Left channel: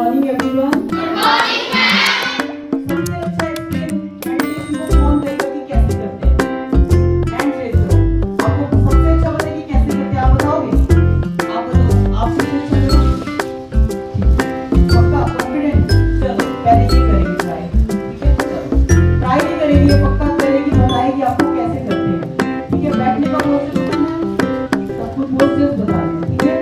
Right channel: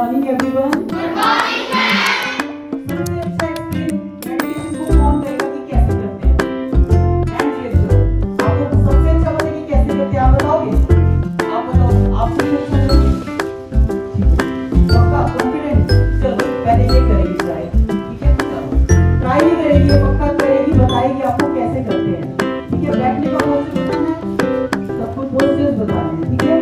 morning everyone. Good morning ma'am. Meditation को कौन करेगा कि कैसे करते हैं? हैंड रेज करो। आपको सबसे अच्छा पता है कि कैसे करते हैं, आप बताओगे? आप बताओ, आपको अच्छा नहीं? पक्का कॉन्फिडेंट? चलो पहले ये करेंगे ट्राई, ठीक है? चलो ट्राई नहीं करेंगे, पक्का करेंगे, बताएगी आपको कैसे करते हैं, ठीक है? बैठने का पोस्चर है, सब कुछ पोस्चर बताने हैं, ठीक है?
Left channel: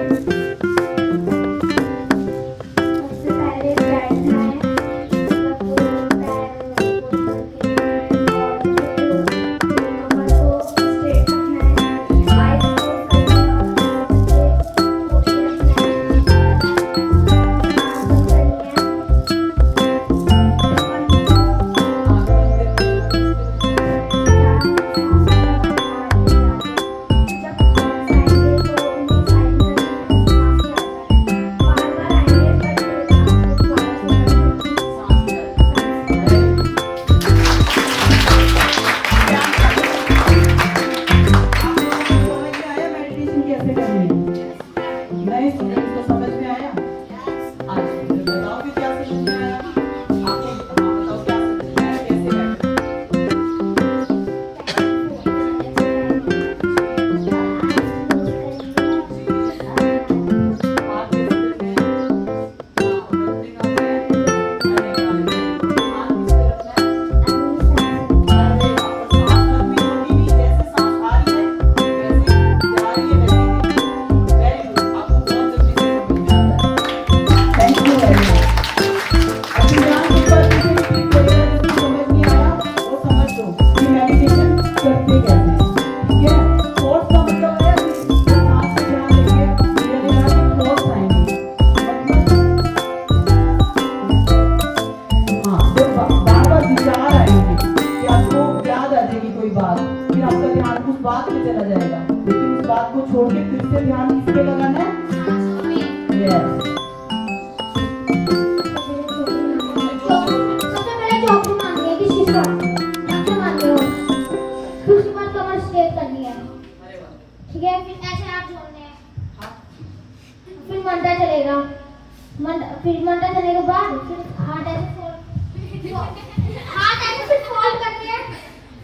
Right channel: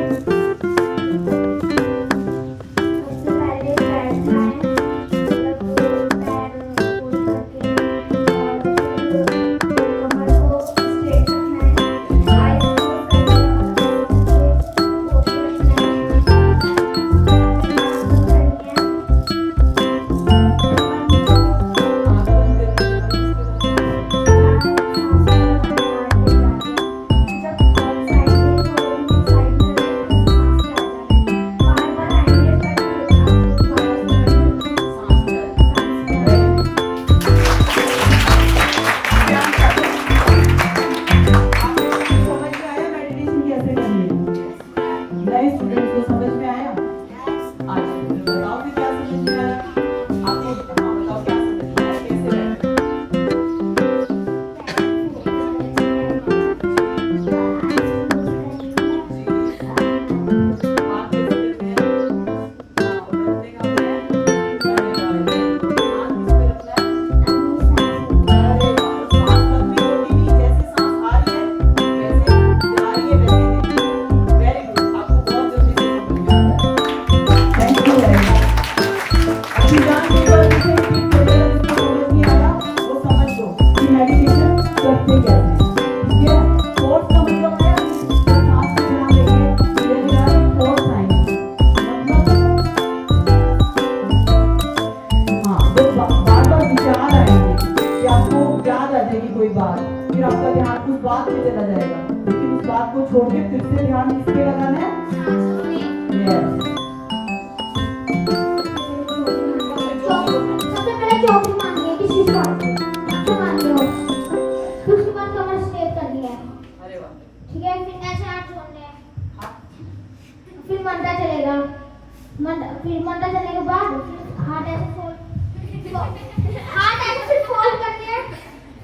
छोड़ के फिर से ध्यान किस पे लगाना है? सबसे पहले चौकी मारनी है, किसी का जो मारनी हो, फिर उसके बाद कमर स्ट्रेट करनी है। अरे वाह, ठीक है? फिर ऐसे हाथ जोड़ने हैं, फिर मंडा चलेगा, फिर मंडा चलने के बाद फिर हाथ ऐसे फोल्ड, हाथ ऐसे फिर फोल्ड करने हैं,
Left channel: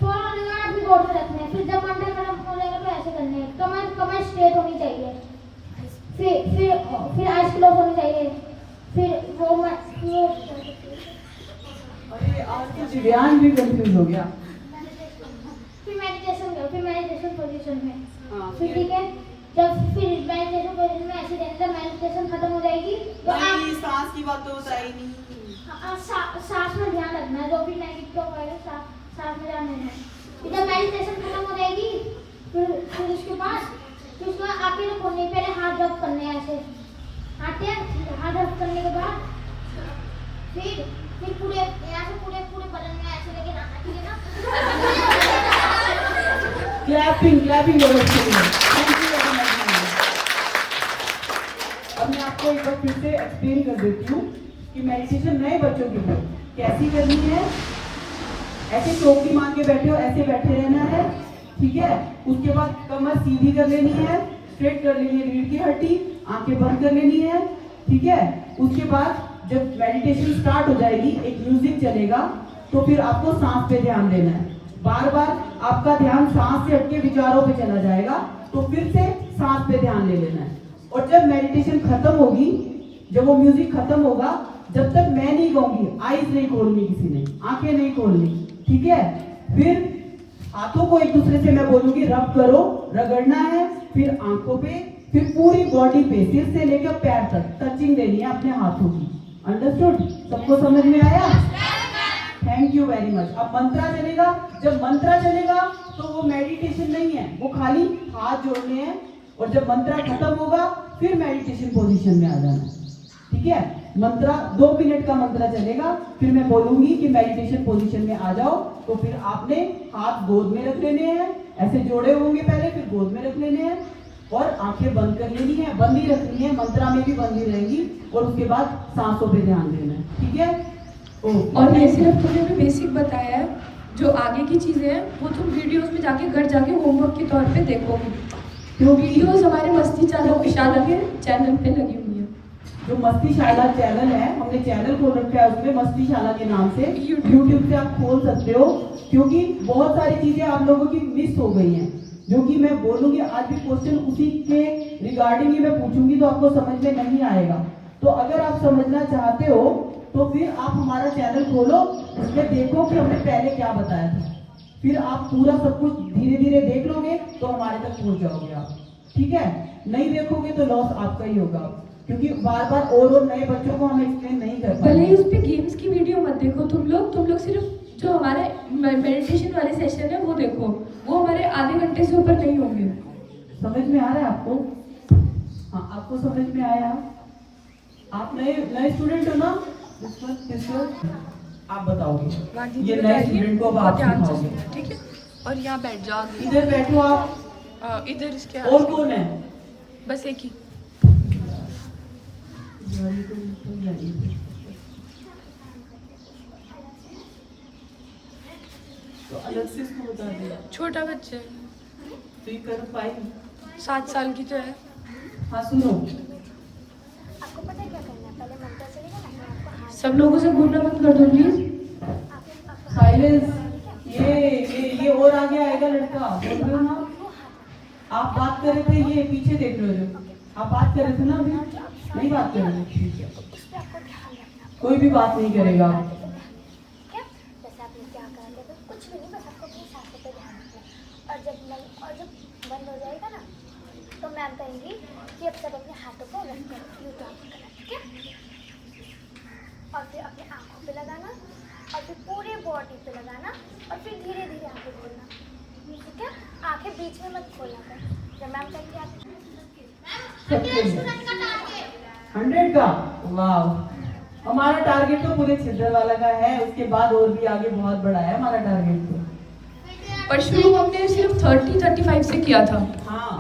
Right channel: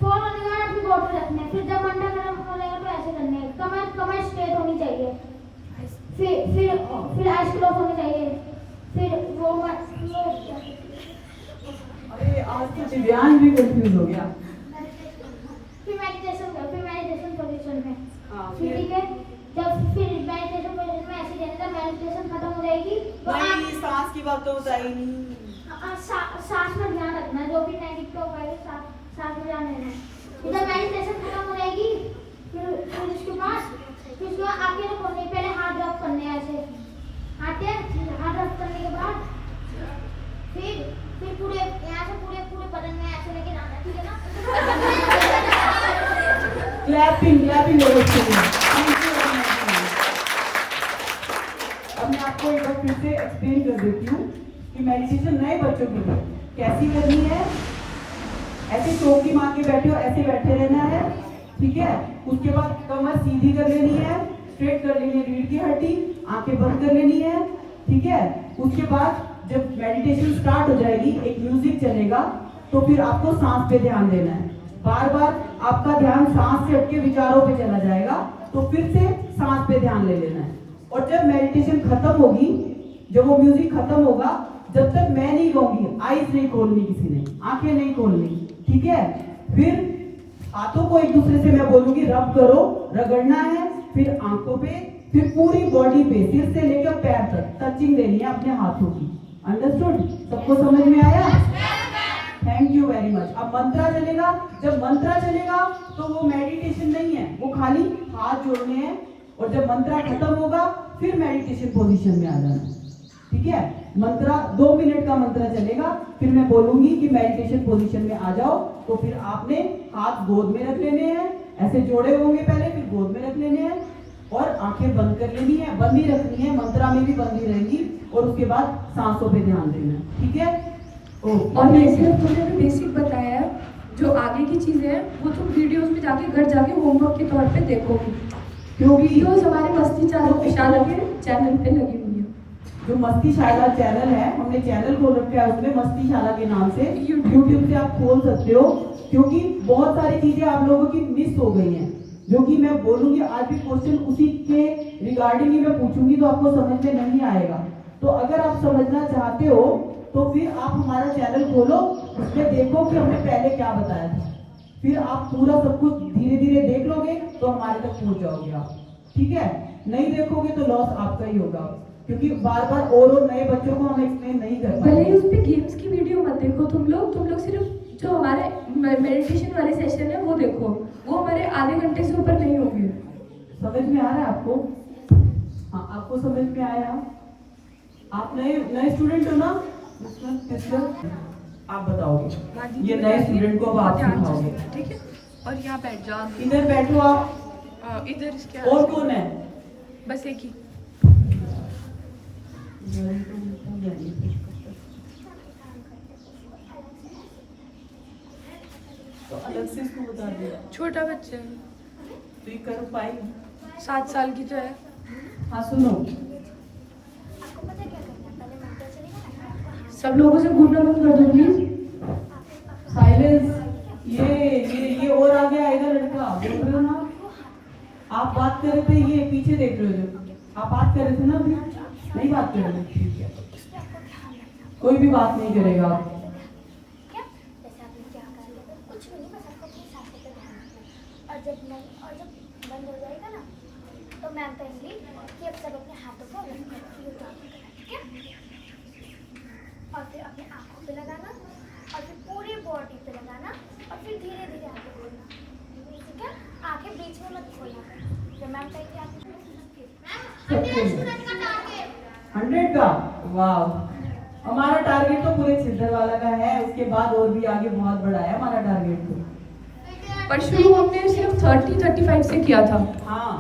फोल्ड करने के बाद फिर गोल पे रखने हैं, फिर जब मंडा गर्म हो जाएगा तो ऐसे करने हैं, कमर स्ट्रेट होनी चाहिए, फिर आइज क्लोज होनी चाहिए, फिर वो अरे आज तो दिव्यांग भी कंफ्यूज हो गया। फिर मेडिटेशन पोजीशन में, फिर ठीक है? जब फिर मेडिटेशन पोजीशन में ऐसे देने तक मेडिटेशन खत्म हो जाएगी तो नहीं, सांस की बात तो बताई नहीं। सांस में ध्यान रखना है, जो भी नेगेटिव होगा सांस में ध्यान देना है। जब मेडिटेशन खत्म हो जाएगी फिर उसके बाद आगे रखोगे, पहले हाथ रब करने हैं ऐसे, हाथ रब करने के बाद फिर पूरे यहाँ से पूरे बदन में ऐसे लेके जाना, ठीक है ना? क्लैपिंग हो रही है। अब मैं आपको एक बार फिर से एक्सप्लेन कर देती हूँ कि मेडिटेशन नए बच्चों के लिए कैसी करनी है। ऐसे चौकी मार के बैठे हो, ऐसे बैठे रहना है, ठीक है? उसके बाद कमर सीधी कर लेनी है, स्ट्रेट कर लेनी है रीढ़ की हड्डी, आंखें बंद कर लेनी है, ठीक है? उसके बाद जब मेडिटेशन स्टार्ट हो जाएगी, एक म्यूजिक चलेगा, तो फिर आपको सांस पे ध्यान देना है। बार बार आपका ध्यान सांस से हटके विचारों पे चला जाएगा, तो फिर से सांस पे ध्यान ले लेना है। और जब मेडिटेशन खत्म होगी, जब वो म्यूजिक खत्म होगा, जब तक मैं नहीं कहूंगी, आईज नहीं खोलनी, किसी ने आंखें नहीं खोलनी, ठीक है? फिर हाथों को एक दूसरे से मैं बोलूंगी रब करो, रगड़ना है, फिर आंखों पे, फिर पूरी बॉडी पे, सिर से लेकर पैर तक टचिंग देनी है अपने हाथों की। अंडरस्टूड? सबको समझ में आया? Thank you very much. अब मंत्रा चलेगा, जब मंत्रा चलेगा तो वो मेडिटेशन नहीं है, वो खाली हाथ जोड़ने हैं, और जब मंत्रा खत्म होगा फिर मेडिटेशन पोजीशन में आ जाना है, ठीक है? मंत्रा 2 मिनट का मंत्रा चलेगा, फिर मैं बोलूंगी कि मेडिटेशन पोजीशन में आ जाओ, तो फिर आपने हाथ गोद में रख लेने हैं, ऐसे जोड़े होंगे पहले, फिर गोद में रख लेने हैं, और आंखें बंद कर लेनी है, बंद ही रखनी है, मंत्रा में भी बंद ही रहेंगी, और उसके बाद सांसों पे ध्यान देना है, ठीक है? और ये सिर्फ तुमने भी बेसिक बताया है, जो आगे की चीजें हैं वो तुम वीडियोस में जाके घर जाके होमवर्क के तौर पे देखोगी। तो वीडियोस हमारे मस्ती चैनल पे लगी हुई है। जो मस्ती शाला चैनल है, हमने चैनल खोल रखा है उसमें मस्ती शाला के नाम से, यूट्यूब से आप खोल सकते हो, क्योंकि बहुत सारी चीजें आप लोगों की मिस हो गई हैं, जो कि मैं बोलूंगी आज भी क्वेश्चन उसी के रिगार्डिंग ही मैं पूछूंगी तो आपको समझ में नहीं आएगा। तो अगर आप समझना चाहते हो तो फिर आप हमारा चैनल खोलो, उसमें देखो कि हमने पहले क्या बताया था, फिर आप पूरा सब कुछ धीरे धीरे देख लोगे तो हमारे तक पहुंच जाओगे आप, ठीक है। नहीं देखोगे तो लॉस आपका ही होगा, क्योंकि बार बार और नए बच्चों को हम एक्सप्लेन नहीं कर भले पाएंगे। ही उस पे गेम्स की वीडियो मत देखो तुम लोग सिर्फ जो हमारे मेडिटेशन वाले सेशन है वो देखो, वो हमारे आधे घंटे से ऊपर नहीं होंगे। समझ में आ रहा है आपको? हाँ, आपको समझ में आया? आप नए स्टूडेंट हो ना? आप बताओगे, ये नए स्टूडेंट को बात सिखाओगे, ठीक है। और यहाँ बैठ जाओ, इधर बैठो आप। इधर इसके और कौन है? बस एक ही। तो अलग से इसको बता दिया, छोटा बच्चा है, तो ये कर पाएगी? 7 साल की तो है। हाँ सुनो, आपको पता है क्या करना है? पहले मंत्र चलेगा, सब लोगों से घूमना बंद कर दो प्लीज। साइलेंस। ये और आगे आएगा लड़का, देख रहे हो ना? आप बात कर रहे थे, ये पीछे देख रहे हो, आप बात कर रहे थे ना अभी, नहीं बात कर रहे, ठीक है, कोई भी बात नहीं करेगा। क्या? जैसे आपने क्या कर लिया, कुछ नहीं, बस आपको अपनी सांसों पे ध्यान रखना है। और जब बंद हो जाएगा ना, तो मैम कहेंगी कि अब सब अपने हाथों को रख दो, यूँ काम करना, ठीक है? और फिर अपने आँखों पे लगाना, और फिर पूरे बॉडी पे लगाना, और फिर धीरे धीरे आगे बोलना, ठीक है? आँखें बीच में मत खोलना, जब मैम कहेगी आप 100 का, वाह। हमारा टारगेट तो पूरे छिद्दर वाला का है, उसके बाद और भी आगे बहुत बड़ा है हमारा टारगेट तो। पर शुरू हमने सिर्फ 30-35 से किया था। हाँ,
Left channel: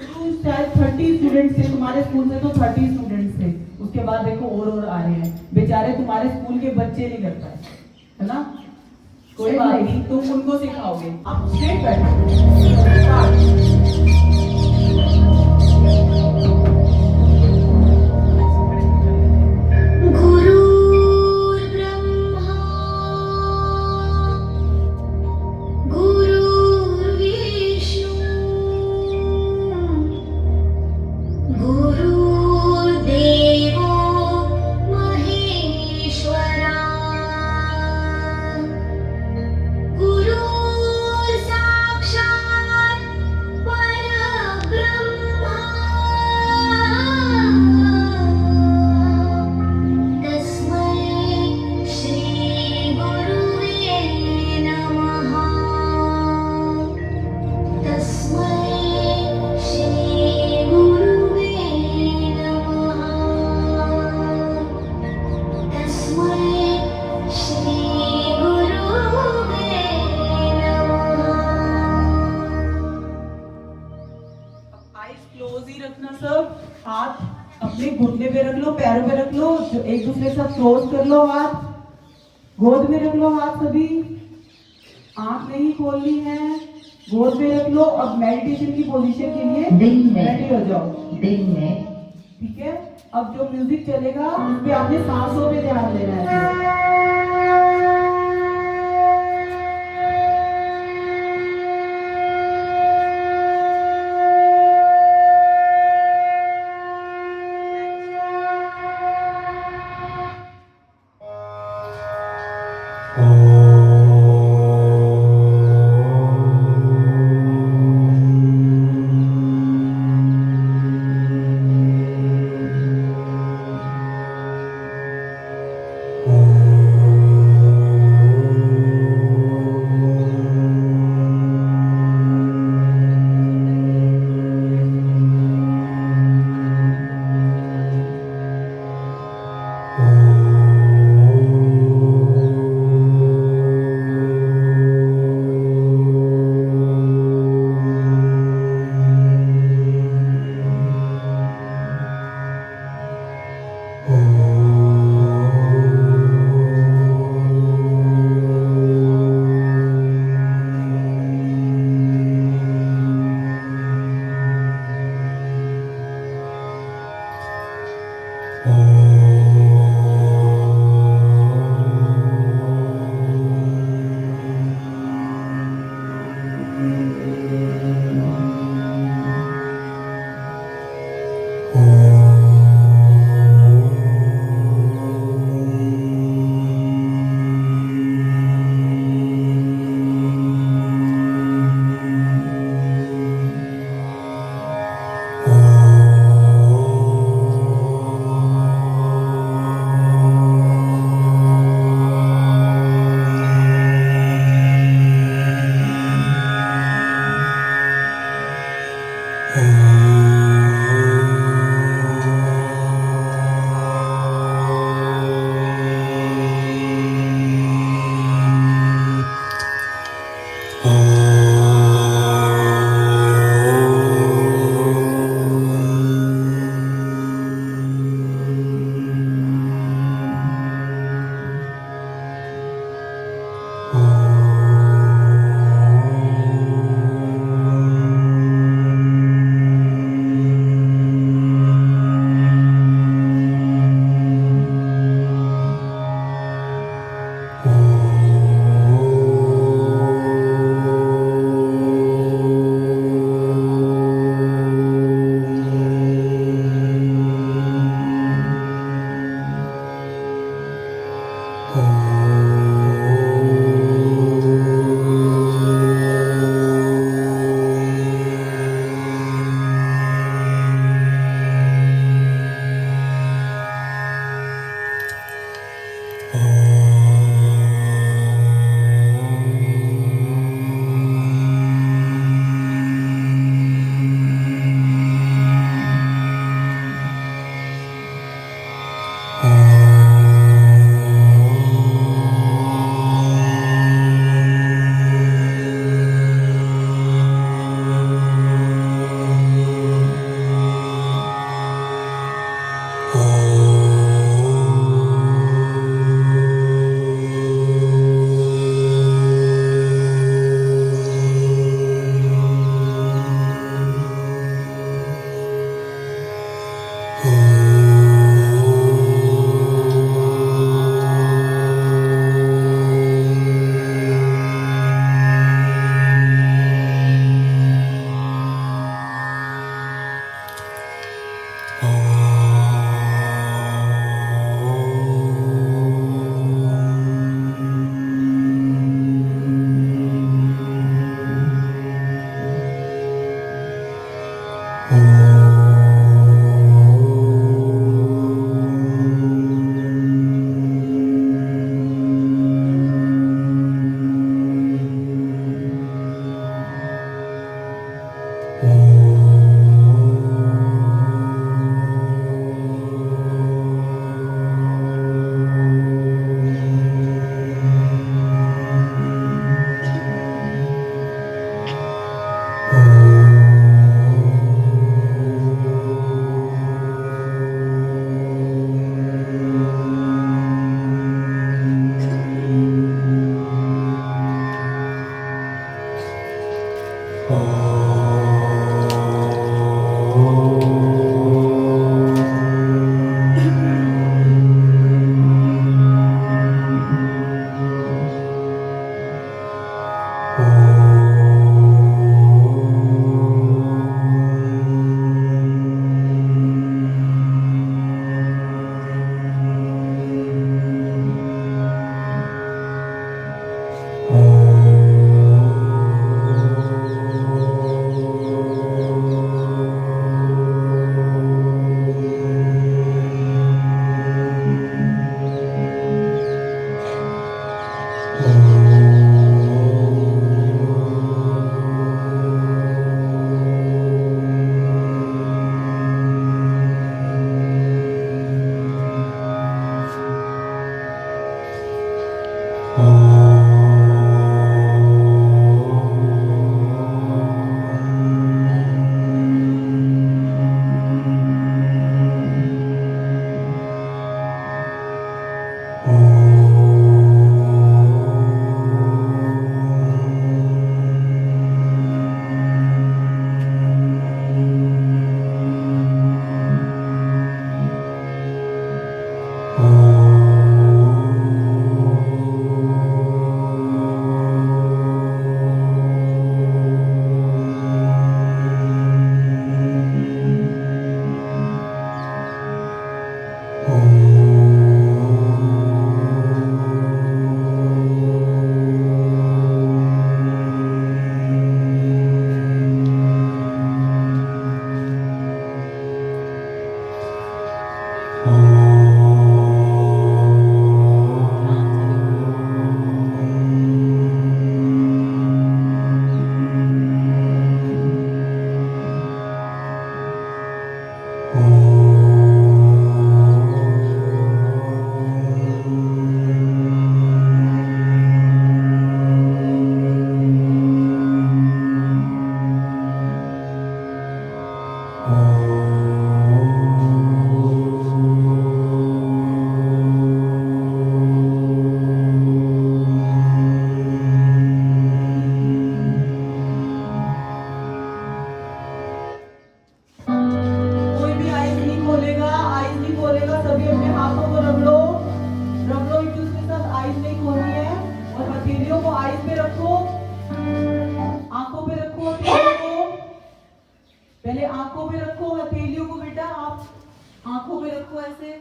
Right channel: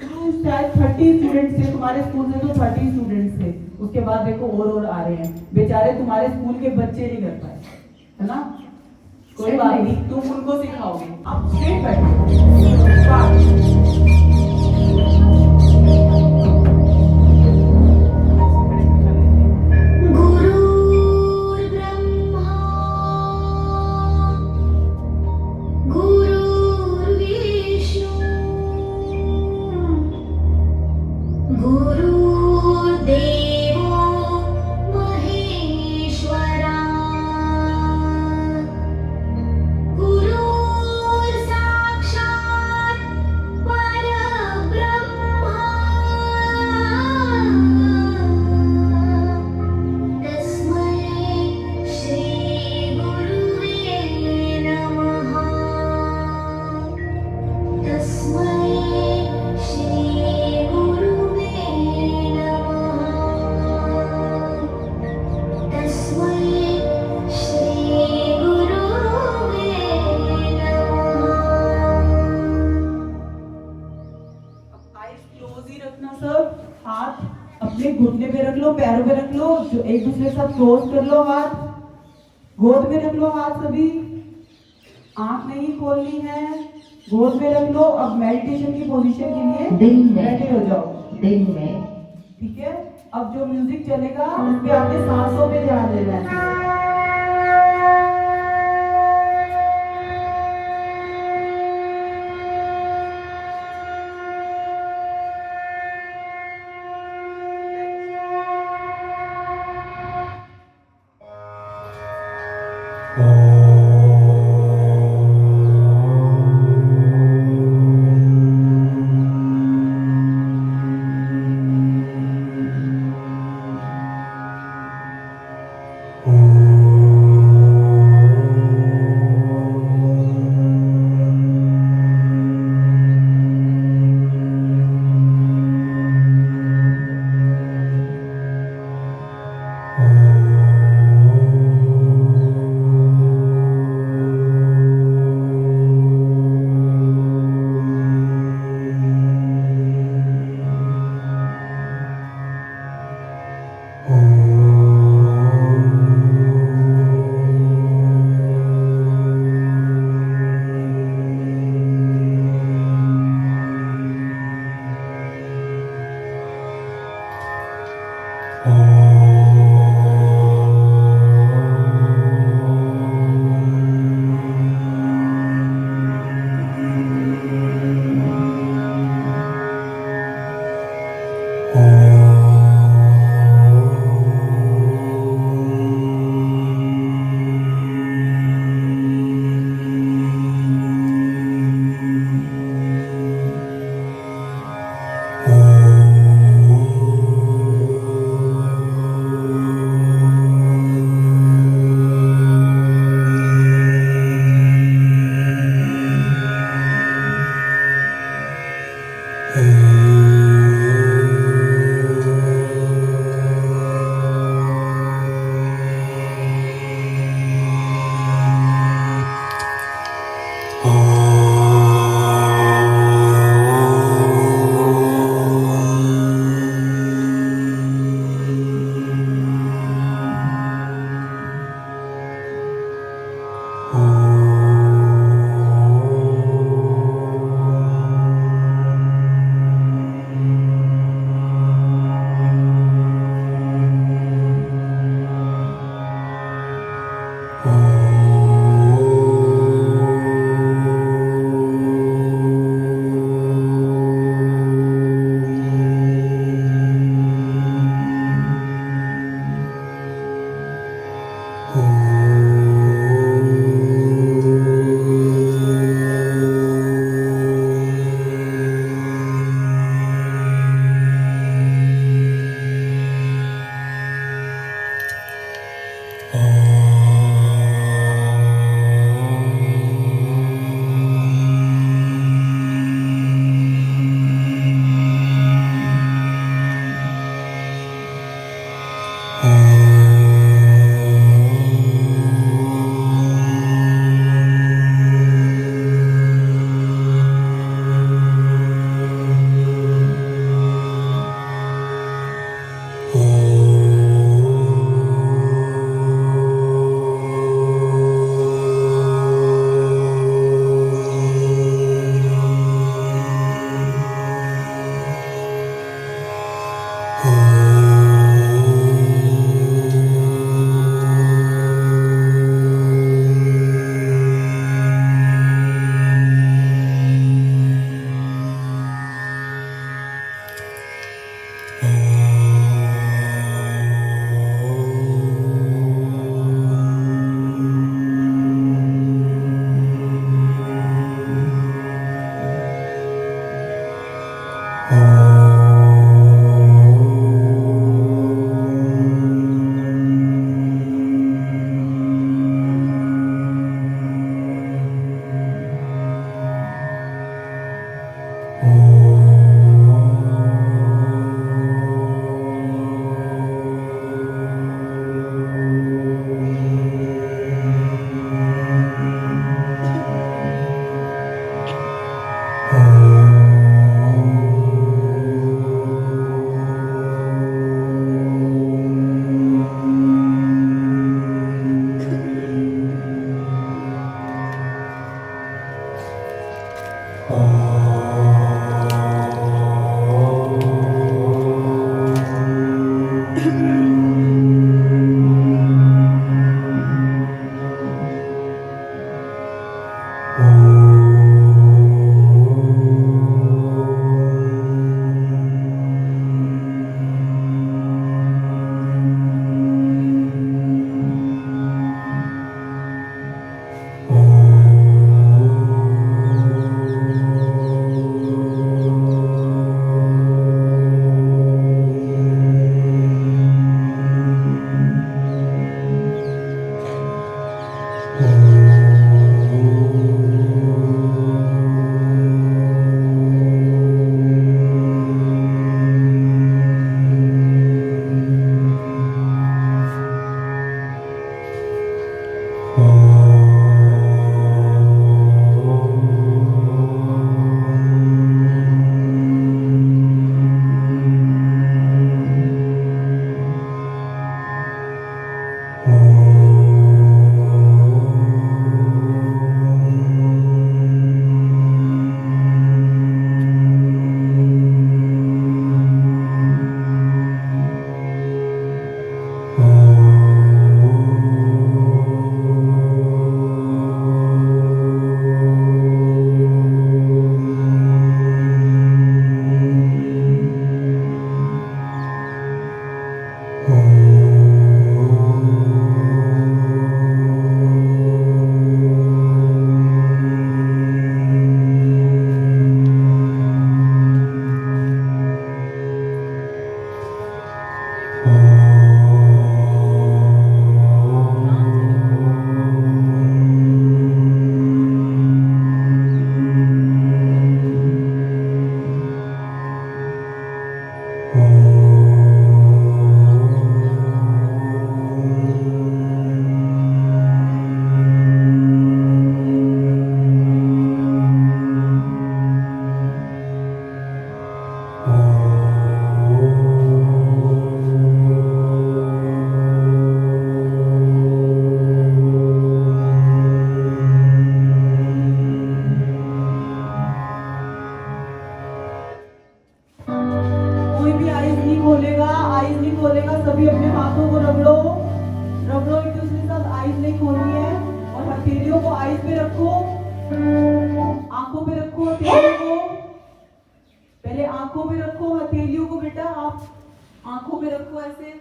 शुरू शायद 30 स्टूडेंट से, तुम्हारे स्कूल से तो 30 स्टूडेंट से, उसके बाद देखो और आ रहे हैं, बेचारे तुम्हारे स्कूल के बच्चे नहीं कर पाए, है ना? कोई बात नहीं, तुम उनको सिखाओगे। आप स्ट्रेट बैठो, स्टार्ट। घुटने पे रख लो, पैरों पे रख लो, एक दूसरे के साथ क्लोज कर लो, हाथ गोद में रख लो, हाथ सभी, आंख नहीं खोलनी है, गोद में रख लो। अब मेडिटेशन की पोजीशन के लिए दिन में रेडी हो जाओ, दिन में ठीक है। अब जो म्यूजिक चलेगा उस पे आपने सांसों पे ध्यान देना है। Om कोई भी आईज नहीं खोलेगा, सभी अपने हाथों को रगड़ो एक दूसरे के साथ। आईज नहीं खोलनी है और हथेलियों को आईज पे रखो, आंखों पे रखो हथेलियों को। पहले आंखों पे रखो हथेलियों को बेटा, आप आंखों पे रखो ऐसे,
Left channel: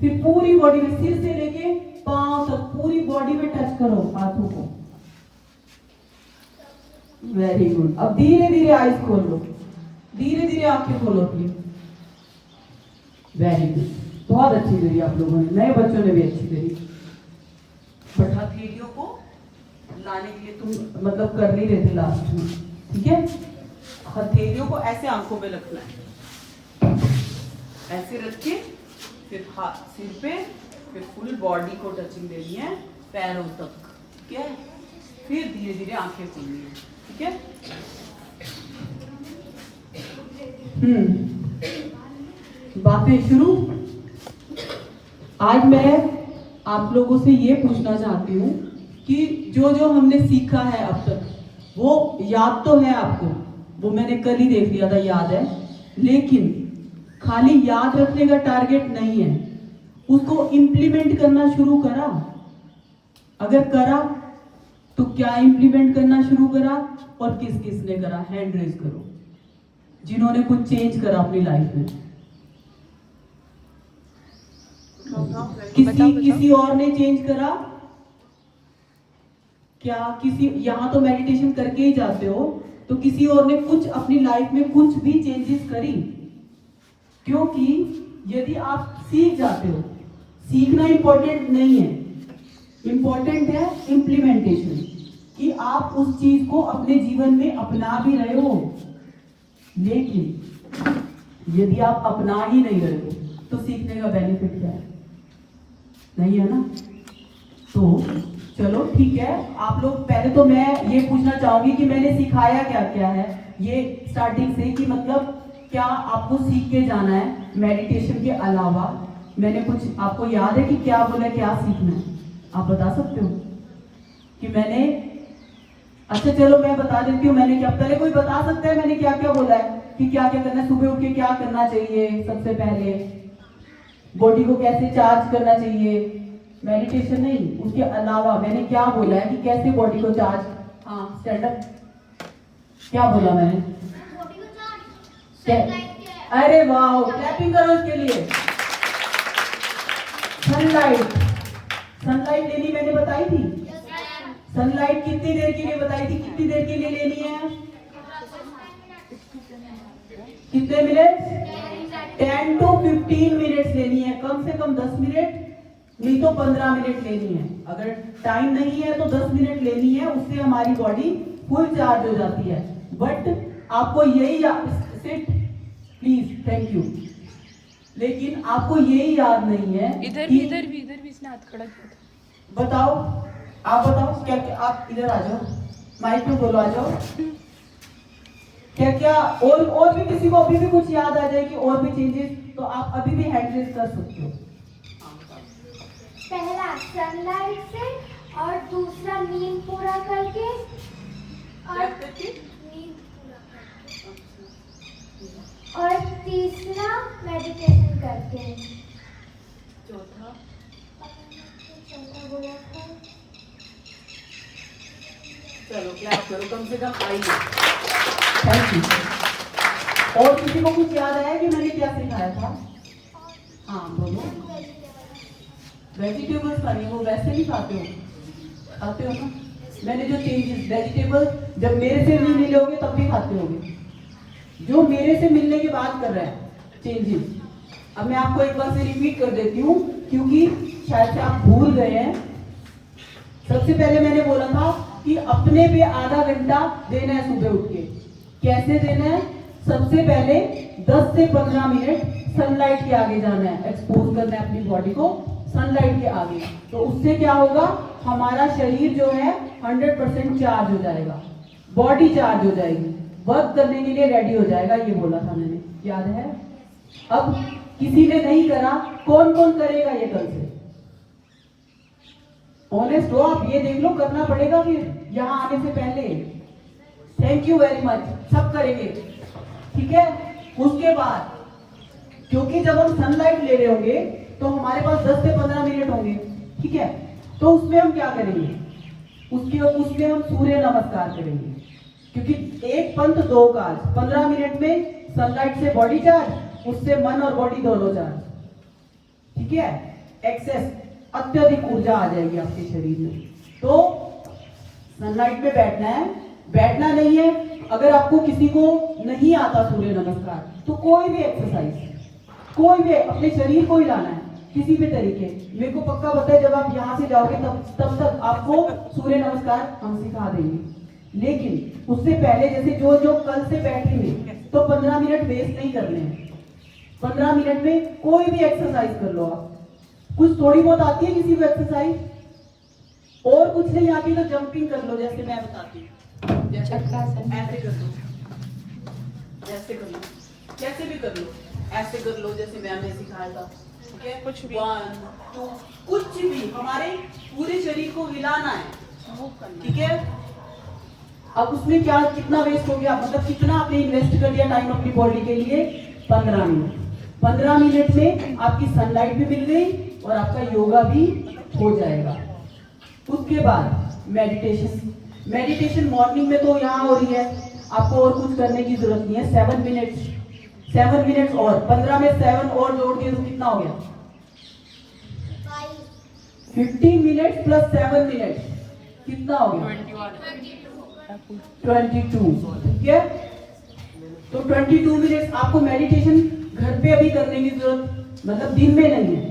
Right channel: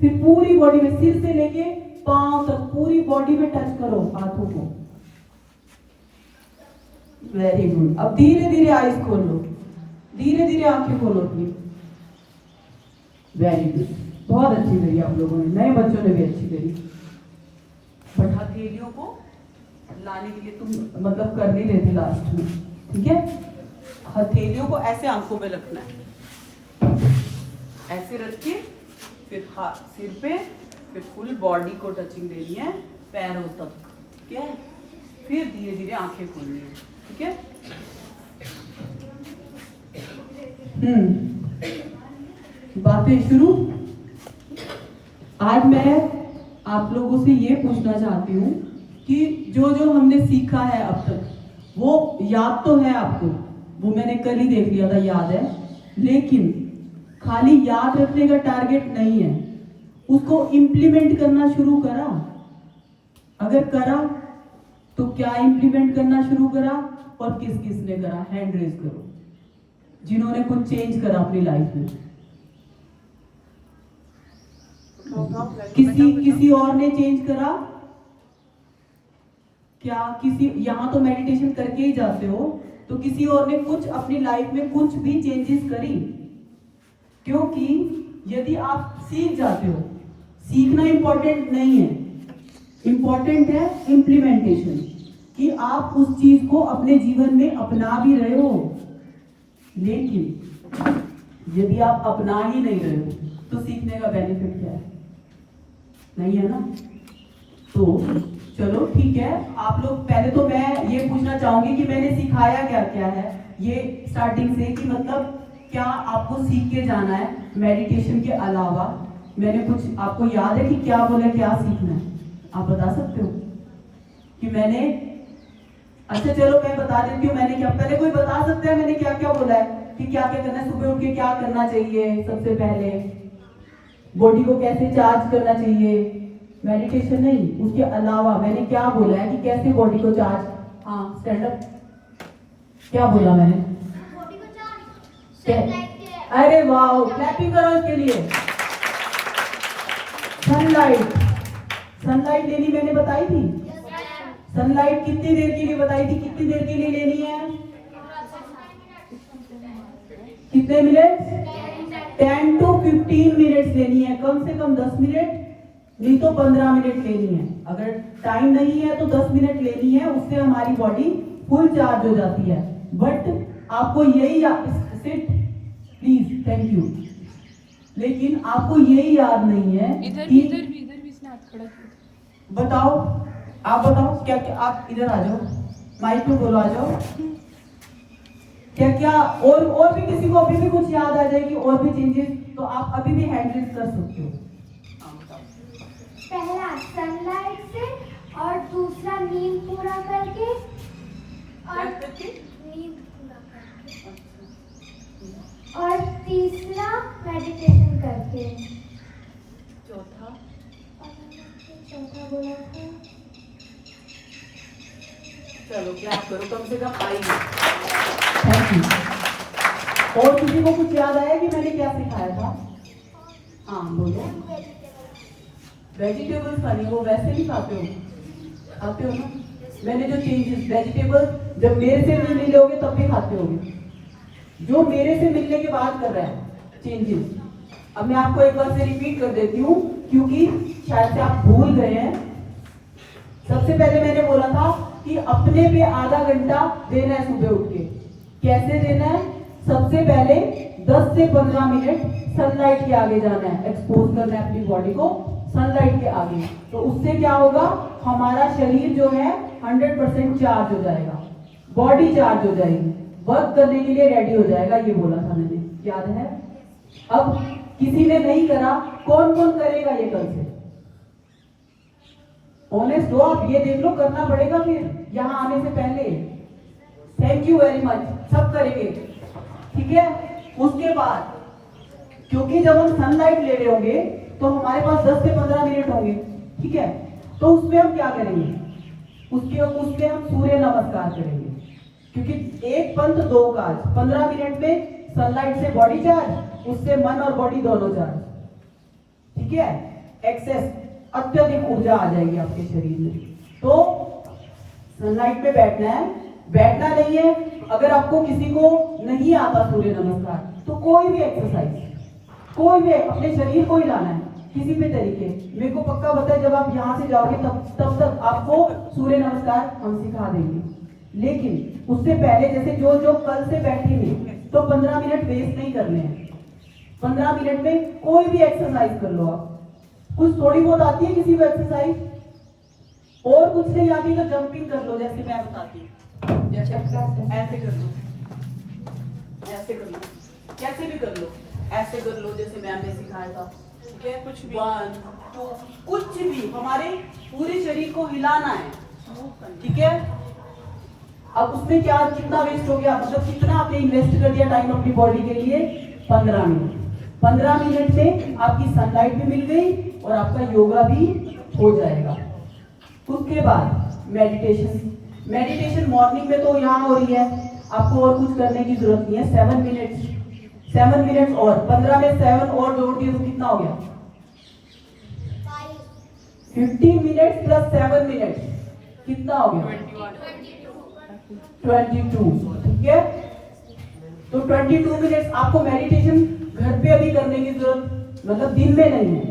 फिर पूरी बॉडी में सिर से लेके पांव तक पूरी बॉडी में टच करो हाथों को। Very good. अब धीरे धीरे आईज खोलो, धीरे धीरे आंखें खोलो अपनी। वेरी गुड, बहुत अच्छी करी आप लोगों ने, नए बच्चों ने भी अच्छी करी। बट हथेलियों को लाने के लिए तुम मतलब कर नहीं रहे थे लास्ट में, ठीक है। हथेलियों को ऐसे आंखों पे रखना है, ऐसे रख के फिर हाथ सिर पे, फिर फुल बॉडी को टचिंग देनी है पैरों तक, ठीक है। फिर धीरे धीरे आंखें खोलनी है, ठीक है। बातें शुरू। आज मैं आप लोगों से ये पूछना चाहती हूँ कि जो जो हमने सीखा है अब तक वो याद तो है आपको, वो मैंने कल ही देख लिया था, याद है। लेकिन खाली याद रखने का टारगेट नहीं है, उसको इम्प्लीमेंट करना शुरू करा। अगर करा तो क्या इम्प्लीमेंट करना शुरू करा और किस किस ने करा, हैंड रेज करो जिन्होंने कुछ चेंज करा अपनी लाइफ में। किसी और ने चेंज करा क्या? किसी यहाँ तो मेडिटेशन करके ही जाते हो, तो किसी और ने कुछ अपनी लाइफ में कुछ भी चेंजेस करी? क्योंकि यदि आप सीख जाते हो, सीखना इंपॉर्टेंट नहीं है, इंपॉर्टेंट है इम्प्लीमेंटेशन, कि आप उस चीज को अपने जीवन में अपना भी रहे हो। लेकिन यदि आप अपना ही नहीं रहे हो तो सीखने का बेनिफिट क्या है? नहीं है ना। तो चलो ठीक है, आप लोग पहले तो मैं ये पूछना चाहूंगी कि मैंने सिखाया क्या क्या है ये स्टार्टिंग से, कि मतलब क्या आपको सीख के जाना है मेडिटेशन के अलावा? मैंने कुछ आपको याद है कि क्या बोला, क्या सीखना है? आप बता सकते हो कि मैंने? अच्छा चलो मैं बता देती हूँ मैंने क्या। पहले कोई बता सकता है मैंने क्या क्या बोला है कि क्या क्या करना है? सुबह उठ के क्या करना चाहिए? सबसे पहले बॉडी को कैसे चार्ज करना चाहिए? मेडिटेशन नहीं, उसके अलावा मैंने क्या बोला है कि कैसे बॉडी को चार्ज? हाँ स्टैंड अप। क्या बोला मैंने? बॉडी को चार्ज। अरे वाह, क्लैपिंग करो उसके लिए। सनलाइट लेनी मैंने बताई थी। सनलाइट कितनी देर के लिए बताई थी? कितनी देर के लिए लेनी है? कितने मिनट? 10 to 15 मिनट्स लेनी है, कम से कम 10 मिनट, नहीं तो 15 मिनट लेनी है। अगर टाइम नहीं है तो 10 मिनट लेनी है, उससे हमारी बॉडी फुल चार्ज हो जाती है। बट आपको यही सिट प्लीज, थैंक यू। लेकिन आपको यही याद नहीं है इधर भी इसने हाथ खड़ा किया। बताओ, आप बताओ क्या क्या, आप इधर आ जाओ, माइक में बोलो, आ जाओ। क्या क्या और भी किसी को अभी भी कुछ याद आ जाएगी और भी चेंजेस, तो आप अभी भी हैंड रेज कर सकते हो। पहला सनलाइट से, और दूसरा नींद पूरा करके, और नींद पूरा करके, और तीसरा मेडिटेशन करके। चौथा बोला था। चलो क्लैप करो, कम से कम आई। Thank you. और किसी को कुछ याद आया कि मैंने क्या सिखाया था? हाँ बोलो। वेजिटेबल्स खानी, वो वैसे ही खाते हो, खाते हो ना? मैंने जो चेंजेस, वेजिटेबल जब मेरे से भी मिलोगे तब भी खाते होगे, जो मेरे से मिलने के बाद कर रहा है चेंजेस, अब मैं आपको एक बार से रिपीट कर देती हूँ, क्योंकि शायद से आप भूल गए हैं। सबसे पहले मैंने बोला था कि अपने पे आधा घंटा देना है सुबह उठ के। कैसे देना है? सबसे पहले 10 से 15 मिनट सनलाइट के आगे जाना है, एक्सपोज करना है अपनी बॉडी को सनलाइट के आगे। तो उससे क्या होगा, हमारा शरीर जो है 100% चार्ज हो जाएगा, बॉडी चार्ज हो जाएगी, वर्क करने के लिए रेडी हो जाएगा। ये बोला था मैंने, याद है? अब किसी ने नहीं करा, कौन कौन करेगा ये कल से? ऑनेस्ट हो आप, ये देख लो, करना पड़ेगा फिर यहाँ आने से पहले। थैंक यू वेरी मच, सब करेंगे, ठीक है? उसके बाद क्योंकि जब हम सनलाइट ले रहे होंगे तो हमारे पास 10 से 15 मिनट होंगे, ठीक है? तो उसमें हम क्या करेंगे? उसमें हम सूर्य नमस्कार करेंगे, क्योंकि एक पंथ दो काज। 15 मिनट में सनलाइट से बॉडी चार्ज, उससे मन और बॉडी दोनों चार्ज, ठीक है? एक्सेस अत्यधिक ऊर्जा आ जाएगी आपके शरीर में। तो सनलाइट में बैठना है, बैठना नहीं है। अगर आपको किसी को नहीं आता सूर्य नमस्कार, तो कोई भी एक्सरसाइज, कोई भी अपने शरीर को हिलाना है किसी भी तरीके। मेरे को पक्का पता है जब आप यहाँ से जाओगे तब तक आपको सूर्य नमस्कार हम सिखा देंगे। लेकिन उससे पहले जैसे जो जो कल से बैठेंगे तो 15 मिनट वेस्ट नहीं करने हैं। 15 मिनट में कोई भी एक्सरसाइज कर लो आप। कुछ थोड़ी बहुत आती है किसी को एक्सरसाइज, और कुछ नहीं आती तो जंपिंग कर लो, जैसे मैं बताती हूँ। जैसे ऐसे कर लो, ऐसे कर लो, कैसे भी कर लो, ऐसे कर लो जैसे मैम ने सिखाया था, ठीक है? कुछ 1 2 कुछ भी, हमारे पूरे शरीर को हिलाना है, ठीक है? अब उसमें क्या, कितना वेस्ट हो गया, मतलब कितना आपने इन्वेस्ट कर दिया टाइम अपनी बॉडी के लिए? 15 मिनट। 15 मिनट में आपकी सनलाइट भी मिल गई और आपका योगा भी हो जाएगा। उसके बाद मेडिटेशन। मेडिटेशन मॉर्निंग में तो यहाँ हो रही है, आपको और कुछ करने की जरूरत नहीं है। 7 मिनट और 15 में 7 और जोड़ दिए तो कितना हो गया? 15 मिनट प्लस 7 मिनट कितना हो गया? 22, ठीक है? तो 22 मिनट आपको मेडिटेशन घर पे अभी करने की जरूरत, मतलब दिन में नहीं है,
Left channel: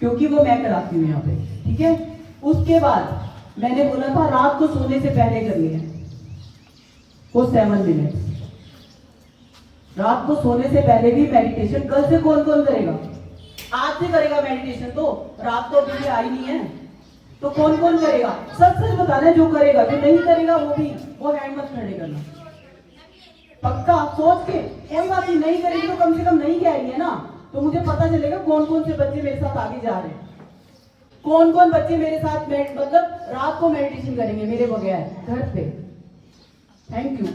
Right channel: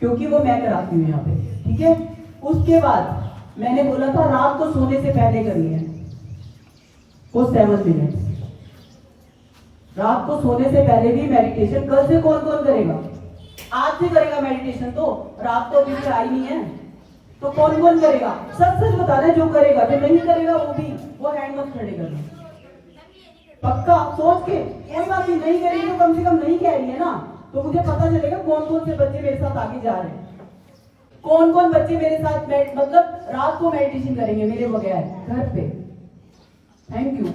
क्योंकि वो मैं कराती हूँ यहाँ पे, ठीक है? उसके बाद मैंने बोला था रात को सोने से पहले करनी है वो 7 मिनट। रात को सोने से पहले भी मेडिटेशन। कल से कौन कौन करेगा? आज से करेगा मेडिटेशन, तो रात को अभी आई नहीं है, तो कौन कौन करेगा? सच सच बताना, जो करेगा। जो नहीं करेगा वो हैंड मत खड़े करना, पक्का सोच के। कोई बात नहीं करेगी तो कम से कम नहीं कह रही है ना, तो मुझे पता चलेगा कौन कौन से बच्चे मेरे साथ आगे जा रहे हैं, कौन कौन बच्चे मेरे साथ मतलब रात को मेडिटेशन करेंगे मेरे बगैर घर पे। थैंक यू,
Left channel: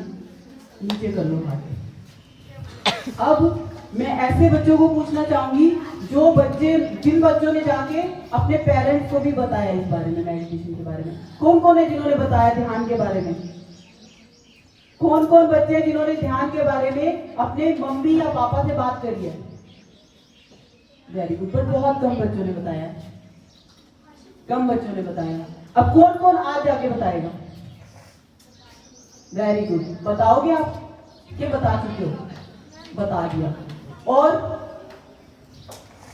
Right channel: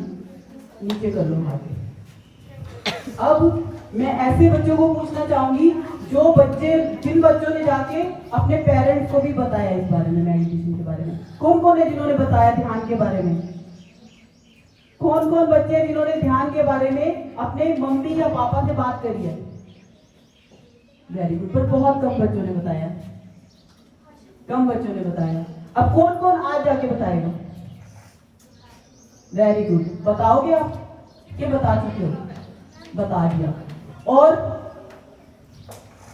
नीचे कर लो आगे। अब मैं ऐसे बच्चों को पूछना चाहूंगी जो बच्चे, जिन बच्चों ने जाके अपने पेरेंट्स को भी बताया इस बारे में, मेडिटेशन के बारे में। कौन कौन है जिन्होंने बताया ध्यान के बारे में? कौन कौन बच्चे हैं जिन्होंने ध्यान के बारे में अपने मम्मी या पापा से बात करी है? वेरी गुड, पर बहुत कम बच्चों ने बताया, कम बच्चों ने बताया। अब कौन कौन आज जाके बताएगा? वेरी गुड, बताओगे आप? क्या बता चुके हो? बता दिया। और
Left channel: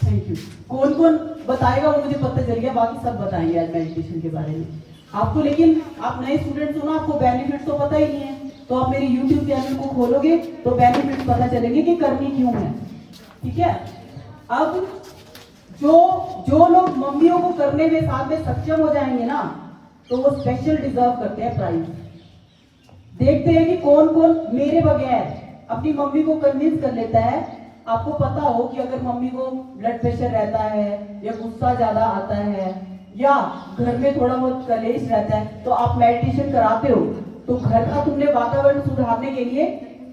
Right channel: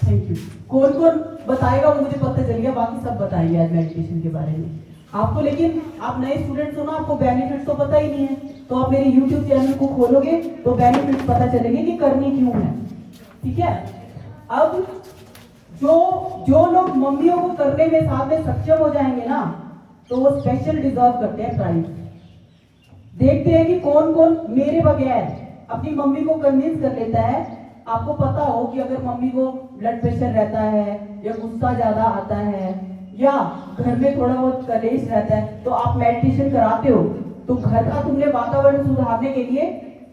थैंक यू। कौन कौन बताएगा वो मुझे पता चल गया, बाकी सब बताएंगे आज मेडिटेशन के बारे में आपको। लेकिन आप नए स्टूडेंट्स हो ना, आपको बेनिफिट तो पता ही नहीं है, तो आप मेरे YouTube चैनल को खोलोगे तो बेनिफिट पता चलेंगे कि करनी क्यों है, ठीक है? अब जो लोग मम्मियों को करने में साथ में सक्षम हो जाएंगे ना, तो वो स्पेशल डिजर्व करते हैं प्राइज। देखते हैं कि कौन कौन मेरे बगैर अपनी मम्मी को कन्विंस कर लेता है। आपको पता हो कि अगर मम्मी को ब्लड प्रेशर रहता है या गुस्सा ज्यादा आता है या घर में थोड़ा बहुत कलेश रहता है, तो आप मेडिटेशन कराते हो, तो घर का तुमने वातावरण सुधारने के लिए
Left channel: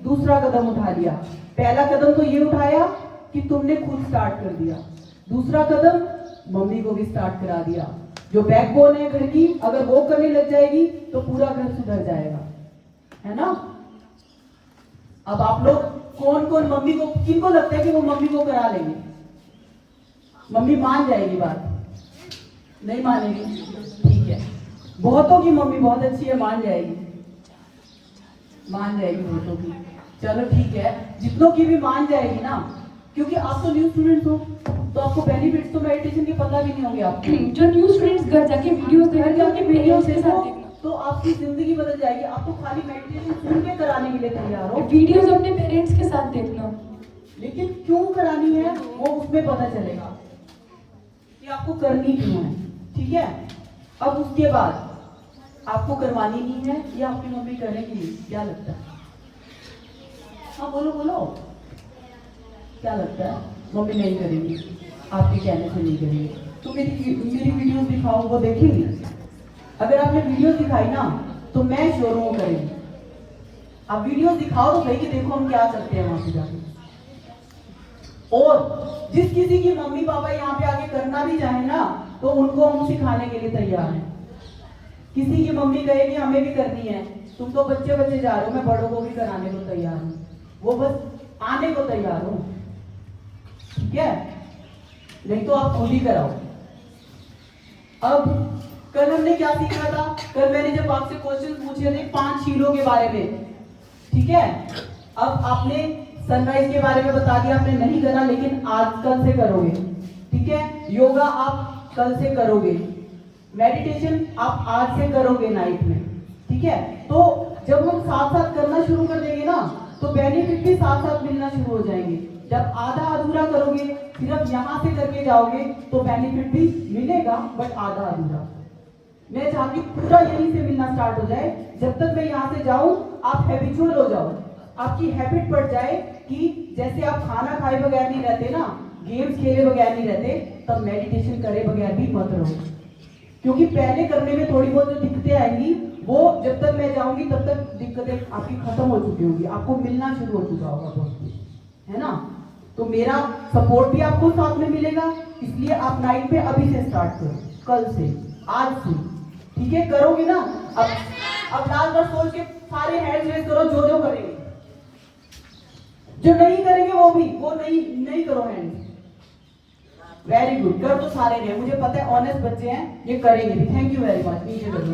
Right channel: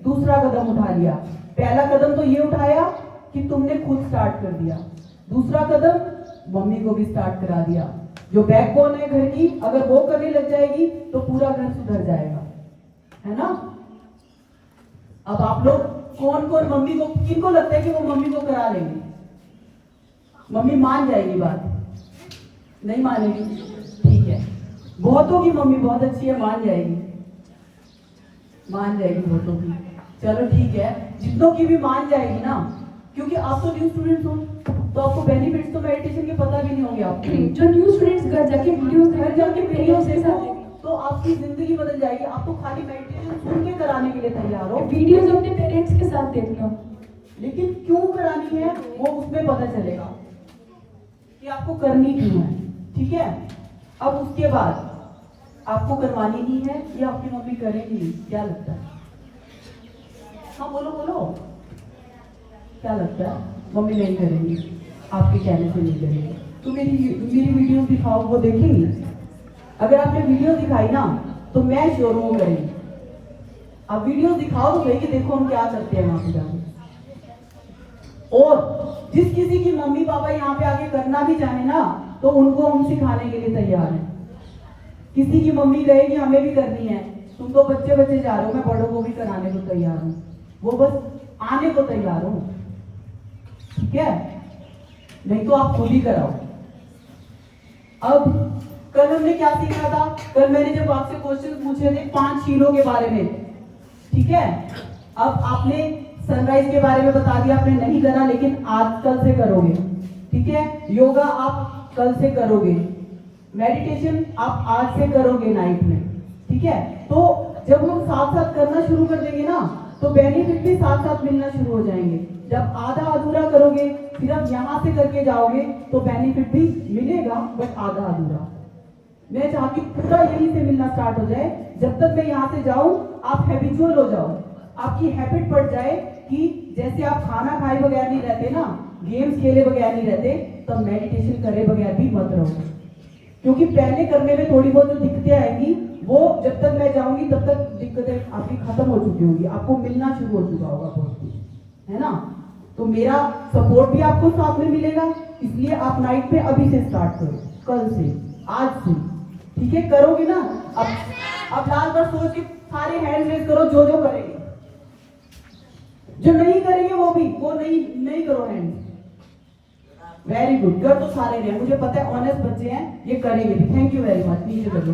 दूसरा कदम उठा लिया। पहला कदम तो ये उठाया कि तुमने खुद स्टार्ट कर दिया, दूसरा कदम मम्मी को भी स्टार्ट करा दिया। जो बैकबोन है घर की, अगर वो करने लग जाएगी तो पूरा घर सुधर जाएगा, है ना? अब आप लोग कौन कौन मम्मी को, किनको लगता है कि वो मम्मी को करा लेंगे? मम्मी मान जाएगी बात? नहीं मानेगी, ठीक है। बहुतों की मम्मी बहुत अच्छी है, मान जाएगी, मान जाएगी बहुतों की। चलो ठीक है, जितनों की भी मान जाएगी ना, क्योंकि आप तो न्यू स्टूडेंट्स हो, तो आपको बेनिफिट्स तो मेडिटेशन के पता भी नहीं होंगे आपको। जो न्यू स्टूडेंट्स घर जाके वीडियोस घर जाके वीडियोस देखो देखो, तो आपकी जिंदगी बदल जाएगी। आप तो खाली मेडिटेशन सुन के कराने के लिए तैयार हो, वीडियोस अपने पेरेंट्स के साथ देखना। लेकिन क्यों करानी है वो उसमें पता चलेगा कि आपको करनी क्यों है। ठीक है, अब उसके बाद आपको करवानी नहीं है, ये आपकी मम्मी करेंगी, क्या लगता है? हाँ बोलो बोलो, क्या लगता है? मम्मी नहीं करेंगी, आपके कहने से नहीं करेंगे, तो मेरी वीडियो दिखाओ, वो देखेंगी। अगर आपने वीडियो दिखाई ना तो मैं शोरूम को करेंगी। आप वीडियो दिखाओ तो सही कि देखो हम क्या करते हैं वहां पे जाके। और जिस किसी की मम्मी पापा यहाँ पे आके करना भी चाहे ना तो उनको हम सिखाने के लिए तैयार हैं। किसी की मम्मी कहेगी हमें भी करनी है, तुम तो बच्चे बच्चे जा रहे हो, मैं बड़ों को भी कराने को तैयार हूँ, वो बस आने को तैयार हूँ। ठीक है, नहीं तो आप खुद ही कराओ। अब कल हमने क्या सीखा था? कल मैंने जब आपसे क्वेश्चन पूछे थे 5 शीलों के बारे में, ठीक है। अब आपने सनराइज के बारे में बता दिया, आपने नहीं करा, लेकिन आज कल से करोगे। ठीक है, योगा आप कल से करोगे, मेडिटेशन आप आज से करोगे नाइट में। ठीक है, तो जब हम साथ साथ करना शुरू कर देंगे ना तो बेनिफिट भी साथ साथ मिलना शुरू हो जाएंगे। जब आधा अधूरा करोगे फिर आप यहाँ से करके जाओगे तो बेनिफिट भी मिलेगा, बट आधा अधूरा। मैं चाहती हूँ पूरा यहीं से मिलना स्टार्ट हो जाए। जब तक मैं यहाँ से जाऊं आप हैबिचुअल हो जाओ, आपकी हैबिट पड़ जाए कि जैसे आप खाना खाए बगैर नहीं रहते ना, गेम्स खेले बगैर नहीं रहते, तब मेडिटेशन करे बगैर भी मत रहो। क्योंकि पहले करने में थोड़ी बहुत दिक्कतें आएंगी, वो जब तक मैं जाऊंगी तब तक दिक्कतें आपकी खत्म हो चुकी होंगी, आपको मिलना शुरू हो चुका होगा बहुत कुछ, है ना। तो मेरा सपोर्ट भी आपको साथ में मिलेगा, इसलिए आप नाइट पे अभी से स्टार्ट करो, कल से, आज से। ठीक है, करोगे ना? अब लाल बार सोच के सारे हैंड रेज करो जो करेंगे, जो नहीं करेंगे वो नहीं करो हैंड। वेरी गुड, कर तो सारे रहे, मुझे पता है ऑनेस्ट बच्चे हैं, ये करेंगे भी। थैंक यू वेरी मच, नीचे कर दो।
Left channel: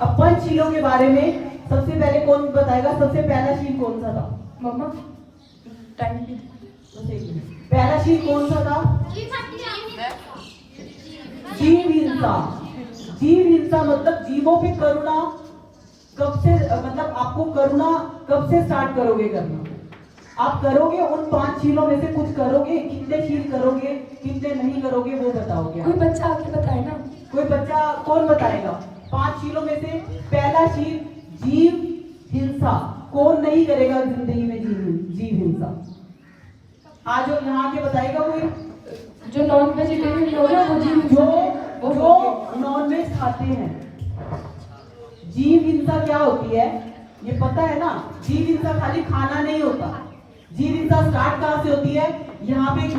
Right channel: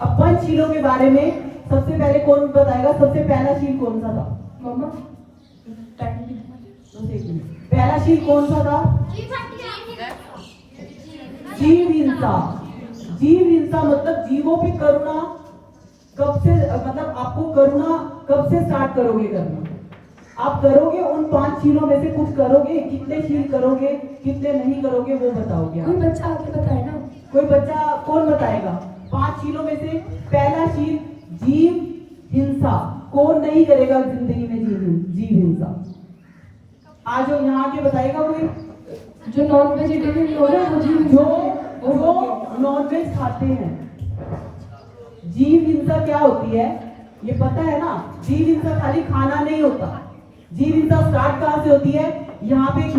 अब 5 शीलों के बारे में सबसे पहले कौन बताएगा? सबसे पहला शील कौन सा था? मम्मा टाइम पहला शील कौन सा था? जीव हिंसा। जीव हिंसा मतलब जीवों पे करुणा कब से, मतलब आपको करुणा कब से स्टार्ट करोगे करना? आप करोगे उन 5 शीलों में से कुछ करोगे, कितने शील करोगे, कितने नहीं करोगे वो बताओगे। कोई बच्चा आके बताए ना, कोई बच्चा कौन बताएगा? 5 शीलों में से पहला शील जीव हिंसा कौन नहीं करेगा जिंदगी में? जीव हिंसा आज यहाँ के बताएगा कोई? जो नॉन वेजिटेरियन लोग हैं जो नॉन वेज खाते हैं। जीव हिंसा क्या होती है ये पता है ना? जीव हिंसा खाली खाना नहीं होता। जीव हिंसा स्टार्ट कहाँ से होती है? यहाँ पे एक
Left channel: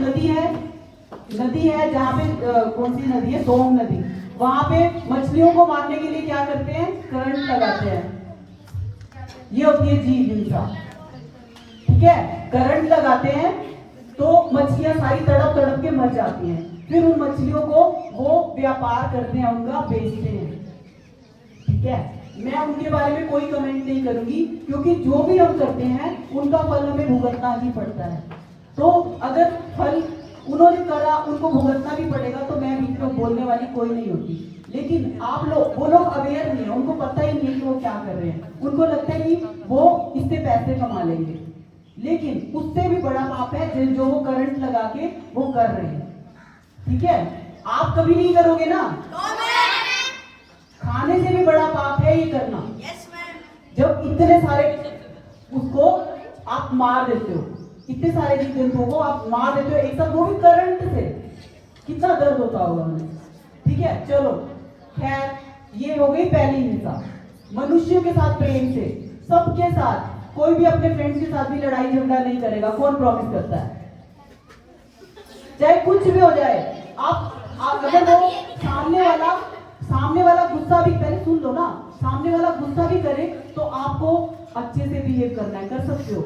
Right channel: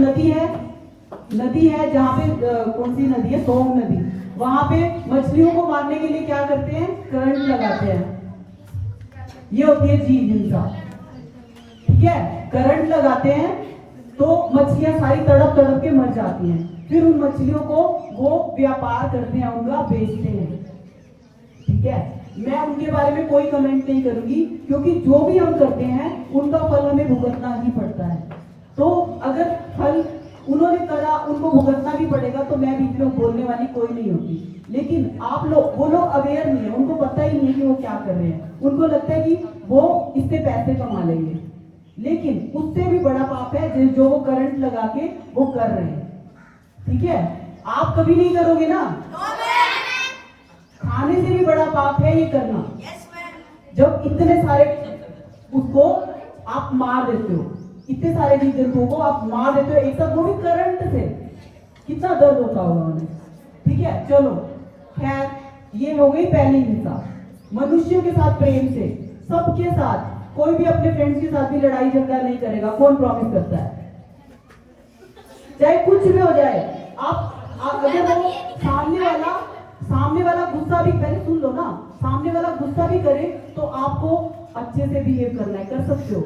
नदी है जहाँ पे कौन सी नदी है? सोम नदी। वहां पे मछलियों को मारने के लिए क्या करते हैं? करंट लगाते हैं। ये होती है जीव हिंसा। ठीक है, करंट लगाते हैं तो मछलियां सारी तड़प तड़प के मर जाती हैं। फिर उन मछलियों को वो व्यापार करते हैं, उनका बेचते हैं। ठीक है, मैं उनके बारे में कोई कमेंट नहीं करूंगी, क्योंकि जो भी हम करते हैं उनका फल हमें भुगतना ही पड़ता है। तो अगर फल उन्होंने करा, उनको भुगतना भी पड़ेगा, तो मैं बीच में बोलने वाली कोई नहीं होती। लेकिन आप लोग, वो लोग अवेयर नहीं है, उनको पता ही नहीं है कि वो क्या कर रहे हैं। उनको लगता है कि वो इससे पैसे कमा लेंगे, लेकिन उससे भी बड़ा पाप है जो वो करंट लगा के वो कर रहे हैं। ठीक है, आप कभी नहीं करोगे ना? खाने से भी बड़ा पाप है ये करना। जब इतने सारे उसको आप मार देते हो, इतने सारे जीव जंतुओं को आप मार देते हो एक साथ, वो भी करंट से, कितना दर्द होता होगा उन्हें। ठीक है, चलो खैर, ये हो गई पहली हिंसा। मनुष्यों के साथ प्रेम से, सबके साथ, कोई भी अपने फ्रेंड्स के साथ भी लड़ाई झगड़ा नहीं करेगा। कौन प्रॉमिस करता है? चाहे कुछ भी हो जाए, आप अगर वो सामने वाला गुस्सा भी, पहले सुन लो ना, सामने वाला गुस्सा भी करे तो आपको अच्छे से बिहेव करना है। कर सकते हो?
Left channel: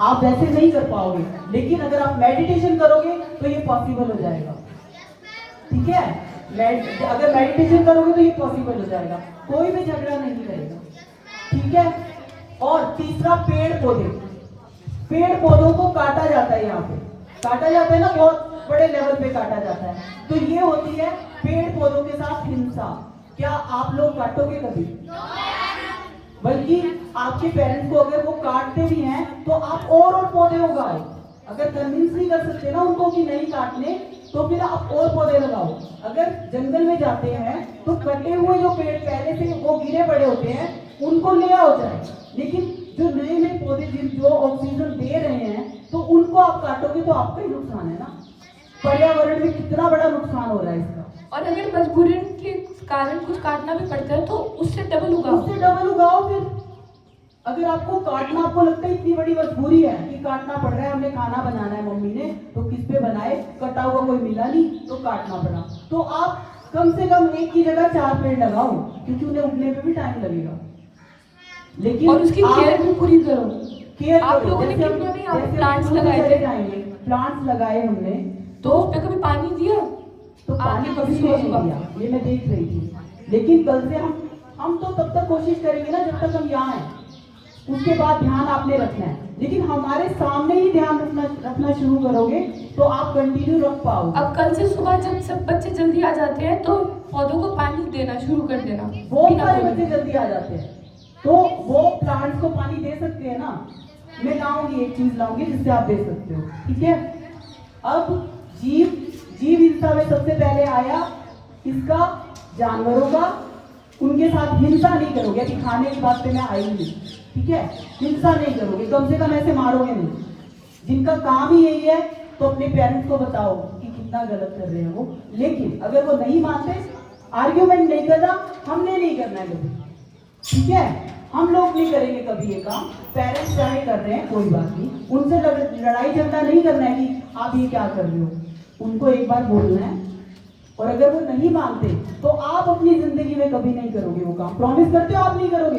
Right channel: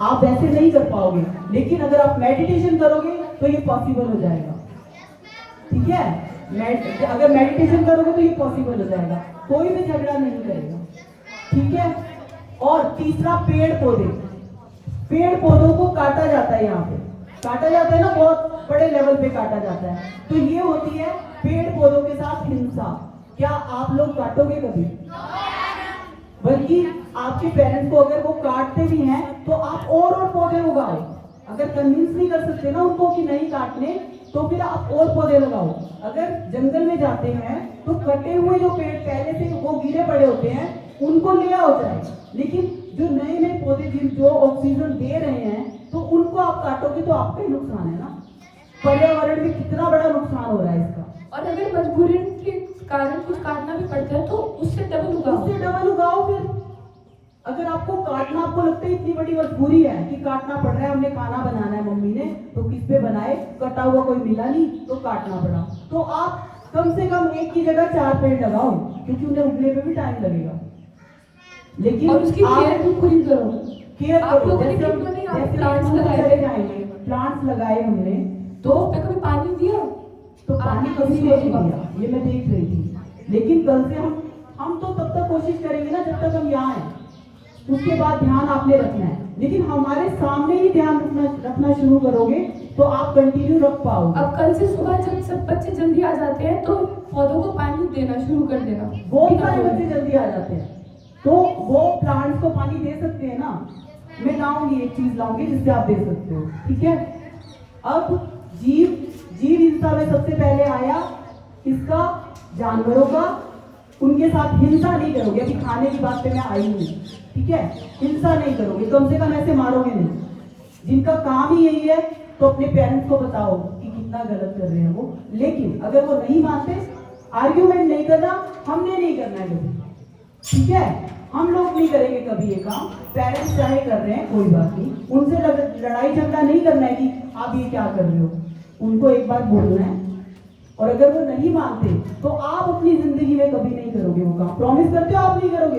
आप वैसे नहीं कर पाओगे, लेकिन अगर आप मेडिटेशन करोगे तो ये पॉसिबल हो जाएगा। ठीक है, अगर मेडिटेशन करोगे तो ये पॉसिबल हो जाएगा, कोई भी झगड़ा नहीं करेगा। ठीक है, और तीसरा पेड़ पौधे। पेड़ पौधों को काटा जाता है, यहाँ पे काटा जाता है ना, बहुत बड़े लेवल पे काटा जाता है। तो ये होती है पेड़ पौधों के साथ हिंसा। क्या आप लोग काटोगे कभी? बल्कि आपके पेरेंट्स को अगर वो काटते भी हैं तो आप और पौधे उगाओ। अगर कन्विंस नहीं कर सकते ना उनको कि नहीं काटने, तो फिर आप और पौधे लगाओ। अगर जंगल में जाते हैं तो कटे हुए जो पेड़ पहले से वो गिरे पड़े होते हैं उनको ले आओ जाए, लेकिन जो नए नए पौधे जो ऑक्सीजन दे रहे हैं तो उनको आप काटोगे तो आपका ही नुकसान है ना। पर्यावरण में कितना बड़ा नुकसान हो रहा है इसका। और अगर मजबूरी के कारण कुछ काटना भी पड़ता है तो उससे डबल उगाओ। फिर अगर आपको काटना, आपको लगता है इतनी बड़ी मजबूरी है कि काटना पड़ रहा है, हमने खाना बनाना है मम्मी ने, तो किस पे बनाए, कटा हुआ कोई मिला नहीं तो काटना पड़ा। तो आप कम से कम एक की जगह 4 पेड़ लगाओ, क्योंकि उन्हें उगने में भी टाइम लगेगा। लेकिन और उसकी केयर भी पूरी करो। केयर आप लोगों ने क्यों नहीं प्लांट्स लगाए थे? प्लांट्स लगाए हमने, तो उस पे कभी पानी दिया? तो पानी किसी को नहीं दिया, ये मैं देख रही थी। लेकिन कल से हम तो तब तक कोशिश करेंगे ना जब तक हम यहाँ हैं, उसके बाद ध्यान आपने रखना है। लेकिन हमारे सामने ही ध्यान रखना शुरू करोगे तो आप कंटिन्यू रख पाओगे। अब कल से सुबह जब सब बच्चे जल्दी आ जाते हैं तो पौधों को पानी देना शुरू कर देना। बहुत सारे बच्चे जल्दी आ जाते हैं तो वो प्लांट्स को पानी दे सकते हैं ना। मैं लाऊंगी, एक चीज लाऊंगी जिससे आप दे सकते हो, ठीक है। अब जीव हिंसा में सबसे पहले आया इसका, जानवरों का। उनके साथ हिंसा नहीं करोगे, अभी खाने की बात पे मैं आई नहीं, ठीक है। हिंसा नहीं करोगे, कम से कम ऐसे मारोगे नहीं। जिनका काम ही यही है तो अपने पेरेंट्स को बताओ कि कितना गलत कर रहे हैं वो। लेकिन अगर वो नहीं मानते, आर्ग्यूमेंट नहीं करना, हमने नहीं करना है कभी, ठीक है। हम लोग नहीं करेंगे कभी ये काम। पेरेंट्स चाहे कर रहे हैं कोई बात नहीं, उनसे लड़ाई झगड़ा नहीं करना है कि आप ये क्या कर रहे हो। उनको एक बार बोलना है, और अगर वो नहीं मानते तो आप अपनी जिंदगी में कभी नहीं करोगे वो काम। प्रॉमिस करते हो आप नहीं करोगे?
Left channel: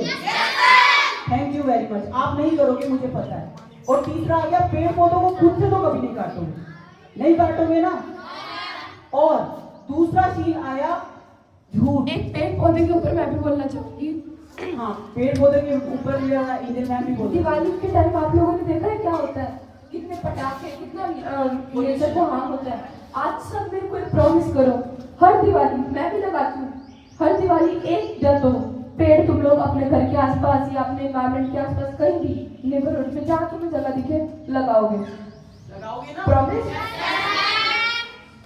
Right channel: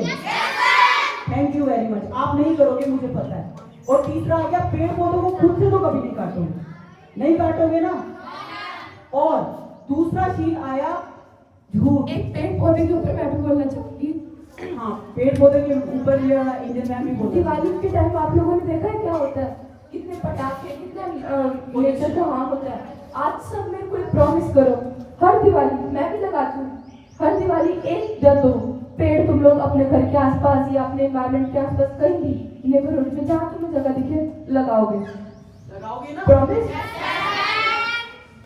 Thank you very much. आप नहीं करोगे, मुझे पता है। और तीसरा आ गया, पेड़ पौधों को खुद से तो कभी नहीं काटोगे, नहीं काटोगे ना। और दूसरा चीज आया झूठ। एक पेड़ पौधे के ऊपर मैं भी बोलना चाहूंगी। हाँ, पेड़ पौधे के ऊपर इधर मैं भी बोलूँ। दिवाली के टाइम आप लोगों ने देखा है क्या होता है, कितने पटाखे, कितना नेचर का वहां होता है। आज सब में कोई प्रॉमिस करो, हर दिवाली, मैं भी लगाती हूँ, हर दिवाली 1 या 2 पेड़ तुम लोग अपने घर के आसपास या अपने एनवायरमेंट के आसपास कहीं भी नेबरहुड में जहाँ तुम्हें जगह दिखे लगाओगे ना। प्रॉमिस?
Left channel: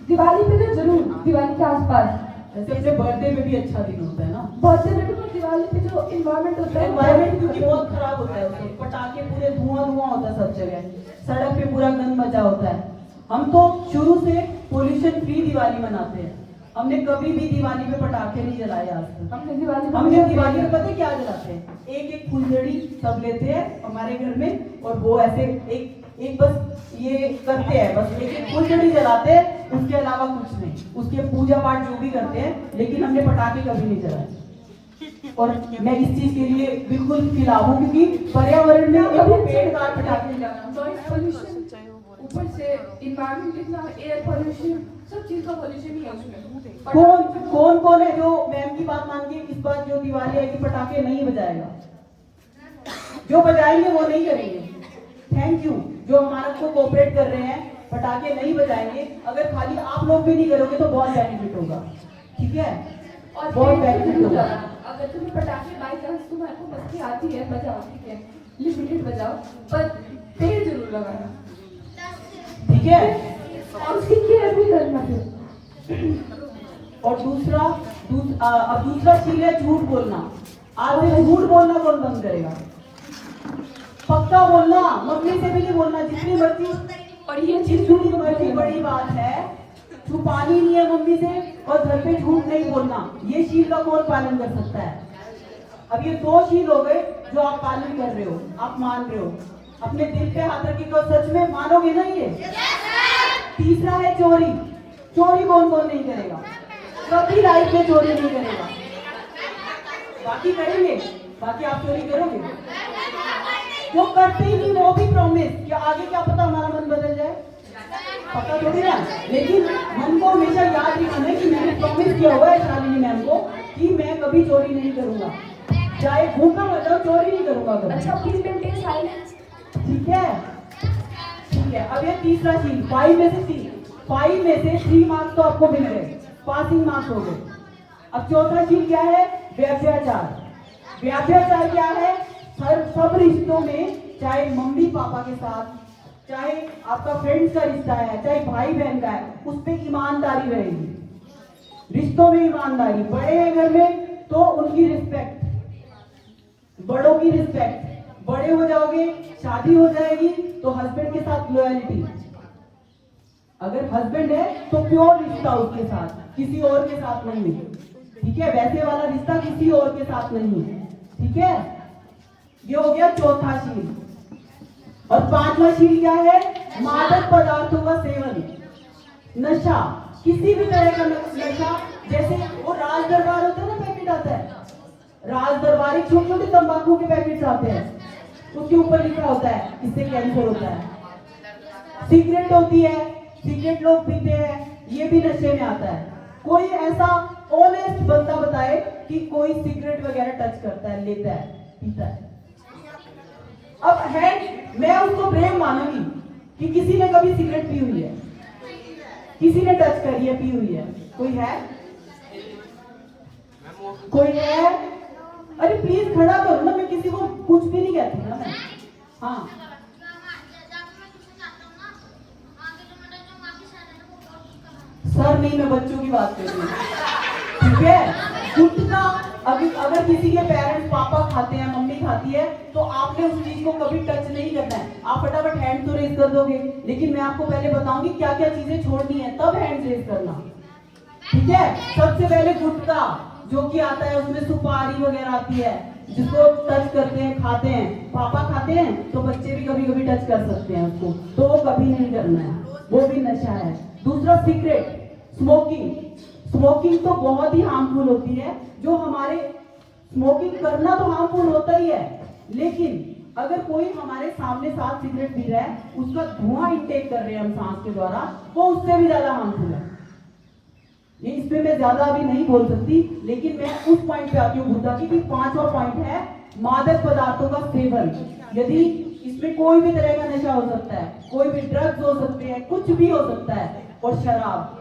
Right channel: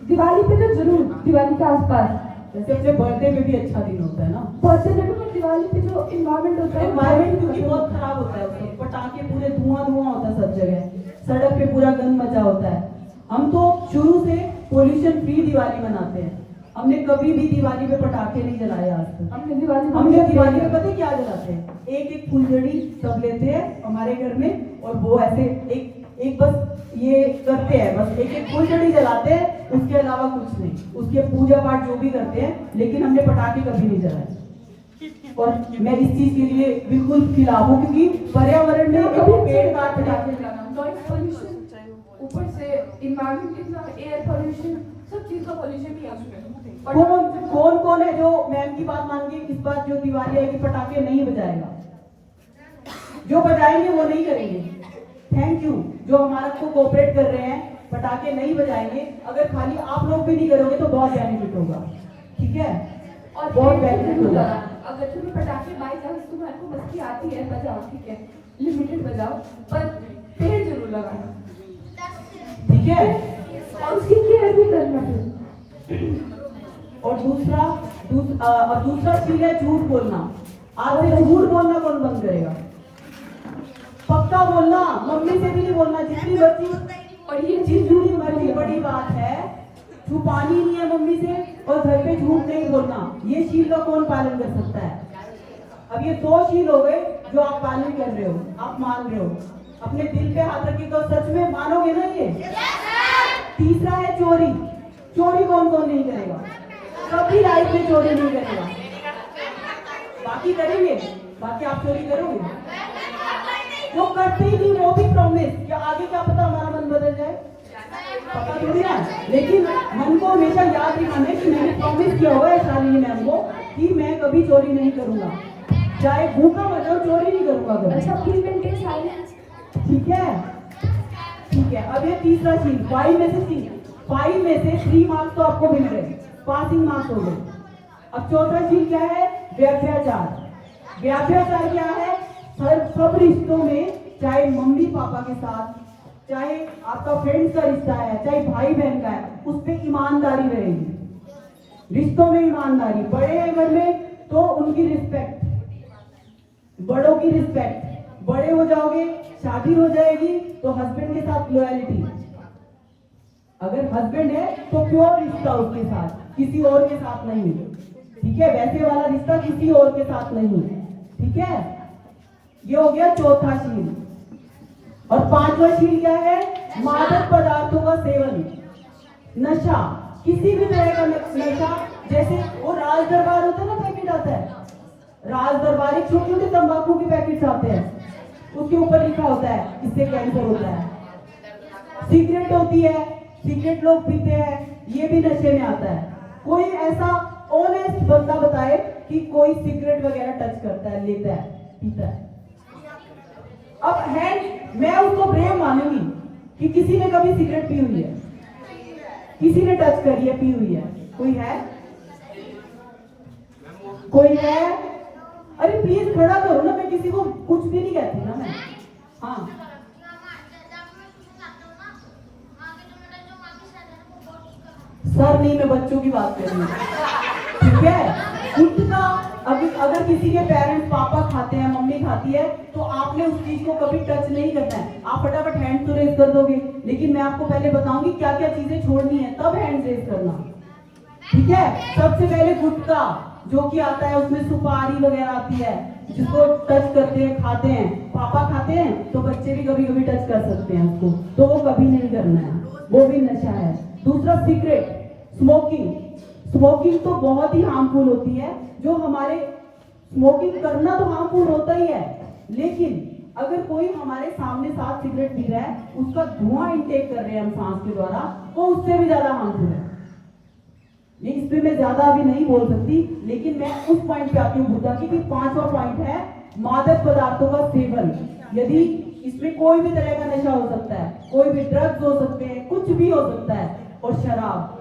दिवाली पे तो जरूर, दिवाली के आसपास। जैसे बर्थडे में भी अच्छा दिन होता है ना, बर्थडे में भी, दिवाली पे जो इन्वायरमेंट होता है, एनवायरमेंट क्योंकि बहुत खराब होता है उसमें, पटाखे पूरे धुआं होता है सब जगह, सड़क पे पूरा गंद मचा होता है। हम तो शुरू से पोल्यूशन फ्री दिवाली मनाते हैं। हमने कभी भी दिवाली पे पटाखे नहीं जलाए आज तक। हमने दिवाली में पता क्या जलाते हैं, एक फुलझड़ी सब लेते हैं हमारे घर में, और वो ऐसे एक बस ये करते हैं, बस एक फुलझड़ी जलाते हैं, उसके अलावा कुछ नहीं। उसके पूजा पाठ जो भी करते हैं, लेकिन हमने पटाखे कभी नहीं जलाए। और मैं इस चीज के लिए बिल्कुल खिलाफ हूँ, क्योंकि पर्यावरण में पेड़ काट पटाखे नॉइस पोल्यूशन, ऊपर से इन्वायरमेंट कितना, एयर पोल्यूशन, सब चीज का पोल्यूशन है उसमें। कौन है जो मैम की बात मान के इस बार जो दिवाली आएगी पटाखे नहीं बजाएगा? जो बजाएंगे वो नहीं करेंगे। थैंक यू जो हमारा को कोऑपरेट कर रहे हैं, पटाखे नहीं बजाएंगे। अगर खाली आप लोग भी नहीं करोगे तो बहुत बेनिफिट होगा, ठीक है। और बहुत बेनिफिट होगा। अगर तुम्हें पटाखे बाई चांस तुम्हारे को मस्ती आती है, बजाओ, ठीक है, लिमिटेड बजाओ, पर पेड़ जरूर लगाना, ठीक है। और उसकी केयर भी करना फिर। और अब दूसरा चीज है झूठ बोलना। आज से झूठ बोलना कौन बंद करेगा? पक्का बोलना, मम्मी से भी नहीं बोलना, जितनी मर्जी। और ये चीज जितनी बड़ी बात है, छुपानी नहीं है मम्मी से, और घर पे झूठ नहीं बोलना। ये शील का कौन पालन कर सकता है? अब ये 2 शील हो गए जो आप पालन कर रहे हो, आप मान रहे हो। अपने दिल पे हाथ रख के सच में मानोगे ना ये? तीसरा है चोरी। चोरी कौन नहीं करेगा? कभी लाइफ में चोरी नहीं करेगा। बाकी करेंगे, बाकी आप चोरी करोगे? जो करते ही नहीं वो भी प्रॉमिस, क्या आगे क्या पता हमारा मन बदल जाए, पता थोड़ी ना। लेकिन मन को हमेशा याद रखना है कि मैंने प्रॉमिस किया हुआ है शालिनी मैम को कि मैं कभी चोरी नहीं करूंगा, चाहे भूखा मर जाऊं, चोरी नहीं करूंगा कभी। अच्छा, प्लीज मेंटेन साइलेंस, ठीक है। ठीक है, अब ये तीसरा शील, 5 में से 3 मार्क्स तो आपको मिल गए, पासिंग मार्क्स हो गए। अब चौथा शील क्या है? व्यभिचार। व्यभिचार क्या है? सब रिश्तों में, चाहे मम्मी पापा के साथ, चाहे आपका फ्रेंड्स का रिश्ता है, चाहे भाई बहन का है, उस पर ईमानदारी रहेगी। रिश्तों में ईमानदारी, बड़े हैं घर में तो उनकी रिस्पेक्ट, बड़ों की रिस्पेक्ट। बड़े हो जाओगे, शादी हो जाएगी तो हस्बैंड के साथ लॉयल्टी। अगर हस्बैंड है तो प्योर रिश्ता उसके साथ, किसी और के साथ नहीं, ठीक है? वैसे वाला रिश्ता किसी और के साथ नहीं, ठीक है? ये हो गया चौथा शील। और पांचवा शील क्या है? मादक पदार्थों का सेवन, नशा, किसी भी तरह का नशा। जैसे वो राज दरबार होता है ना, पैकेट आता है राज दरबार, एक छोटे छोटे तंबाकू के पैकेट्स आते हैं, उसके ऊपर लिखा होता है इससे कैंसर होता है। सिगरेट होती है, सिगरेट लोग पीते हैं, ये भी नशे में आता है। कोई ऐसा ऑनेस्ट बंदा बताए कि कोई सिगरेट वगैरह टच करता है, लेता है, पीता है। अब है, मैं उसको ब्रेव मानूंगी कि किसी ने कभी सिगरेट पी हुई है, किसी ने टच करी है, पी हुई है। कोई है? कोई है? अरे प्लीज खड़ा करो ना, मैं किसी को कुछ भी नहीं कहती ना मैं। हाँ, सर नहीं, मैं बच्चों की बात कर रही हूँ, ठीक है? उठना, अगर किसी के पेरेंट्स, पापा खाते हैं, मम्मी खाती है, तो आपने उस चीज को कभी टच नहीं करना है। आप फटाफट हैंड तो रेज कर दोगे, लेकिन मैं आपको पहले बताऊंगी क्या क्या चीजें छोड़नी है, तब हैंड रेज करना, ठीक है? सबसे पहले गुटखा जो कि आता है, उसमें सुपारी वगैरह आती है, जिसको टच करते हैं, खाते हैं। पापा खाते हैं तो बच्चे भी कभी कभी टच कर सकते हैं उसको, तो वो कभी नहीं करना है, वो भी नशा है। दूसरा सिगरेट, स्मोकिंग। स्मोकिंग तो बहुत ही हार्मफुल होती है, जो हमारे स्मोकिंग करना तो हार्मफुल होता ही है, लेकिन अगर कोई हमारे सामने साथ सिगरेट पी रहा है, उसका धुआं इंटेक कर रहे हैं हम सांस के द्वारा, तो उससे भी ज्यादा हार्मफुल है। ये इस पे मैं ज्यादा अभी नहीं बोल सकती, लेकिन मैं उस पॉइंट पे आती हूँ बुद्धा की, 5वां पॉइंट है मादक पदार्थों का सेवन। यदि इसमें कोई भी तरह का नशा हो सकता है, कोई भी ड्रग्स हो सकते हैं, कुछ भी हो सकता है। और शराब,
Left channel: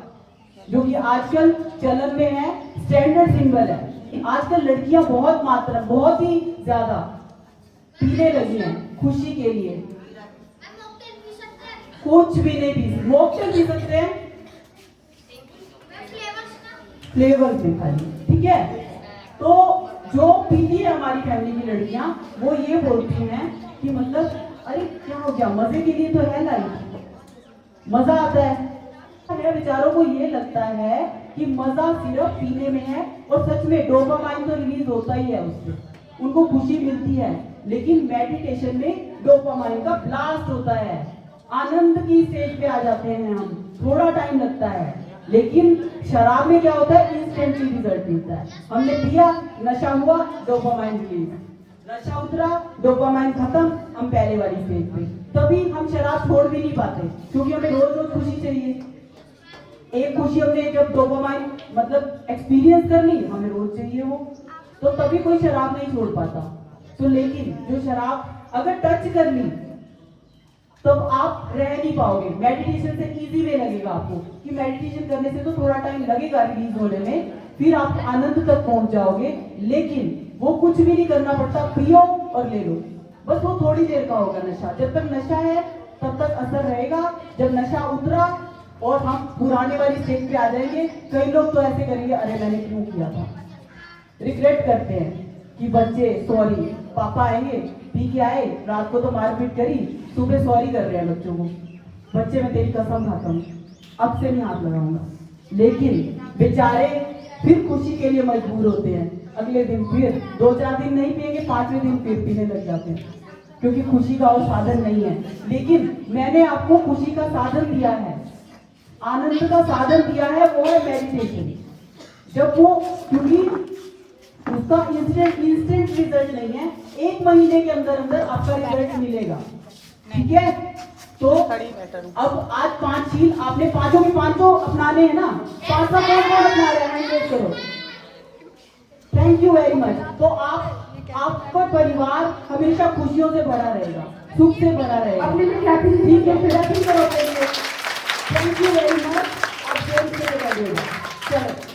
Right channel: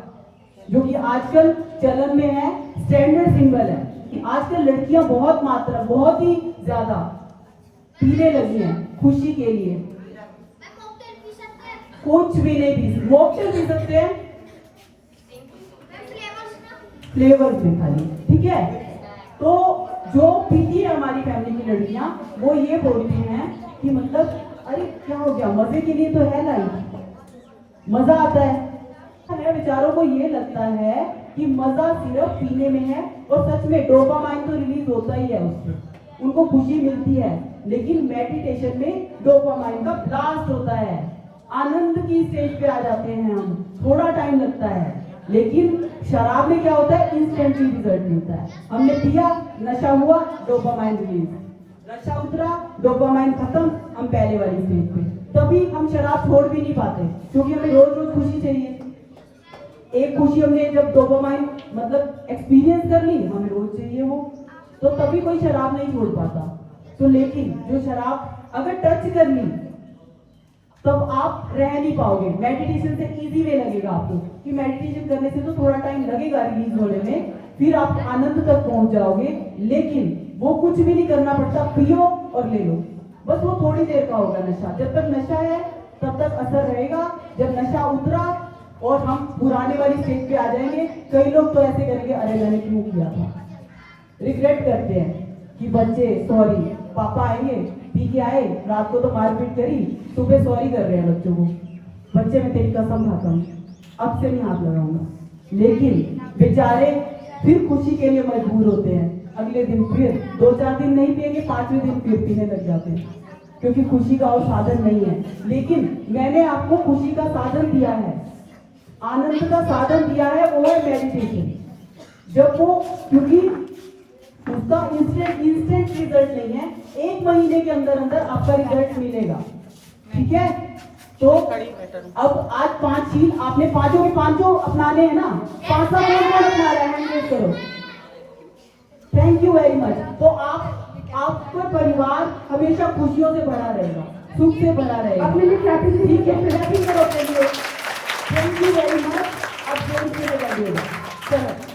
जो कि आजकल चलन में है, स्टैंडर्ड सिंबल है कि आजकल लड़कियां बहुत ही ज्यादा पीने लगी हैं खुशी के लिए। कुछ भी नहीं पी सकते, मॉकटेल पी सकते हैं फ्लेवर में खाली, ठीक है? तो जो पीती है हमारी फैमिली की लड़कियां, वो ये बोलती हैं कि मतलब अरे क्या हो गया, मजे के लिए तो है लाइफ, मजा आता है। बेचारों को ये लगता है कि मजा सिर्फ पीने में है, और सच में डोपामाइन तो रिलीज होता ही है उससे, उनको खुशी मिलती है, लेकिन मेडिटेशन में डोपामाइन का ब्लास्ट होता है, आनंद की स्टेज पे आ जाते हैं हम, थोड़ा टाइम लगता है। लेकिन शराब में क्या होता है? इंस्टेंटली रिजल्ट मिलता है। हमने पिया, नशा हुआ, डोपामाइन रिलीज, नशा उतरा, डोपामाइन खत्म, हम पहले वाली स्टेज पे। तभी हम शराब छोड़ भी नहीं पाते, क्योंकि हमें रोज रोज खुशी चाहिए। एक खुशी हमने जब डोपामाइन मतलब एक्सपीरियंस कर ली, हमें रोज चाहिए वो, तो तभी कोई शराब नहीं छोड़ पाता। तो लेकिन जो शराब अगर टच कर ली, तब आप रह नहीं पाओगे। मेडिटेशन से इजी वे लगेगा आपको कि मेडिटेशन करने से तो थोड़ा टाइम लगेगा रिलीज होने में, फिर आप आनंद तक पहुंच जाओगे, लेकिन वो कुछ भी नहीं करना पड़ता, पियो और ले लो, बस वो थोड़ी देर का होगा नशा। जब तक नशा है तब तक असर रहेगा, जब नशा उतरा और हम पुराने वाली स्टेज पे आ जाएंगे, कई लोग तो ऐसे करेंगे, अरे मैंने क्यों किया था, रिग्रेट करते हैं कि बच्चे सॉरी, पापा आएंगे, पी के आए, रात को तो मारपीट करी, सुबह सॉरी कर रहे हैं बच्चों को, बच्चे मैं तेरी कसम खाता हूँ अब से नहीं हाथ लगाऊंगा। लेकिन बेचारे फिर खुशी के लिए मजबूर होते हैं, अगले दिन फिर 2-4 दिन नहीं पिएंगे, 5वें दिन फिर पीने लग जाते हैं, क्योंकि खुशी का और साधन नहीं है। लेकिन मैंने आपको खुशी का साधन दिया है, आनंद का साधन दिया है, वो है मेडिटेशन। जब वो, क्योंकि उसका इंस्टेंट रिजल्ट नहीं है, 1 महीने के अंदर अंदर आपका रिजल्ट मिलेगा, ठीक है? तो अब आज 5 शील आपने पांचों के पांचों अपनाने हैं ना, 5वां कौन अपना रहा है, करो। Thank you very much. तो आपका परिवार हमेशा खुशियों से भरा रहेगा, सुख से भरा रहे। अपने लिए क्लैपिंग ठीक है, फिर क्लैपिंग करो अपने लिए। Thank you very much. आप जोर से लगाइएगा। चलो।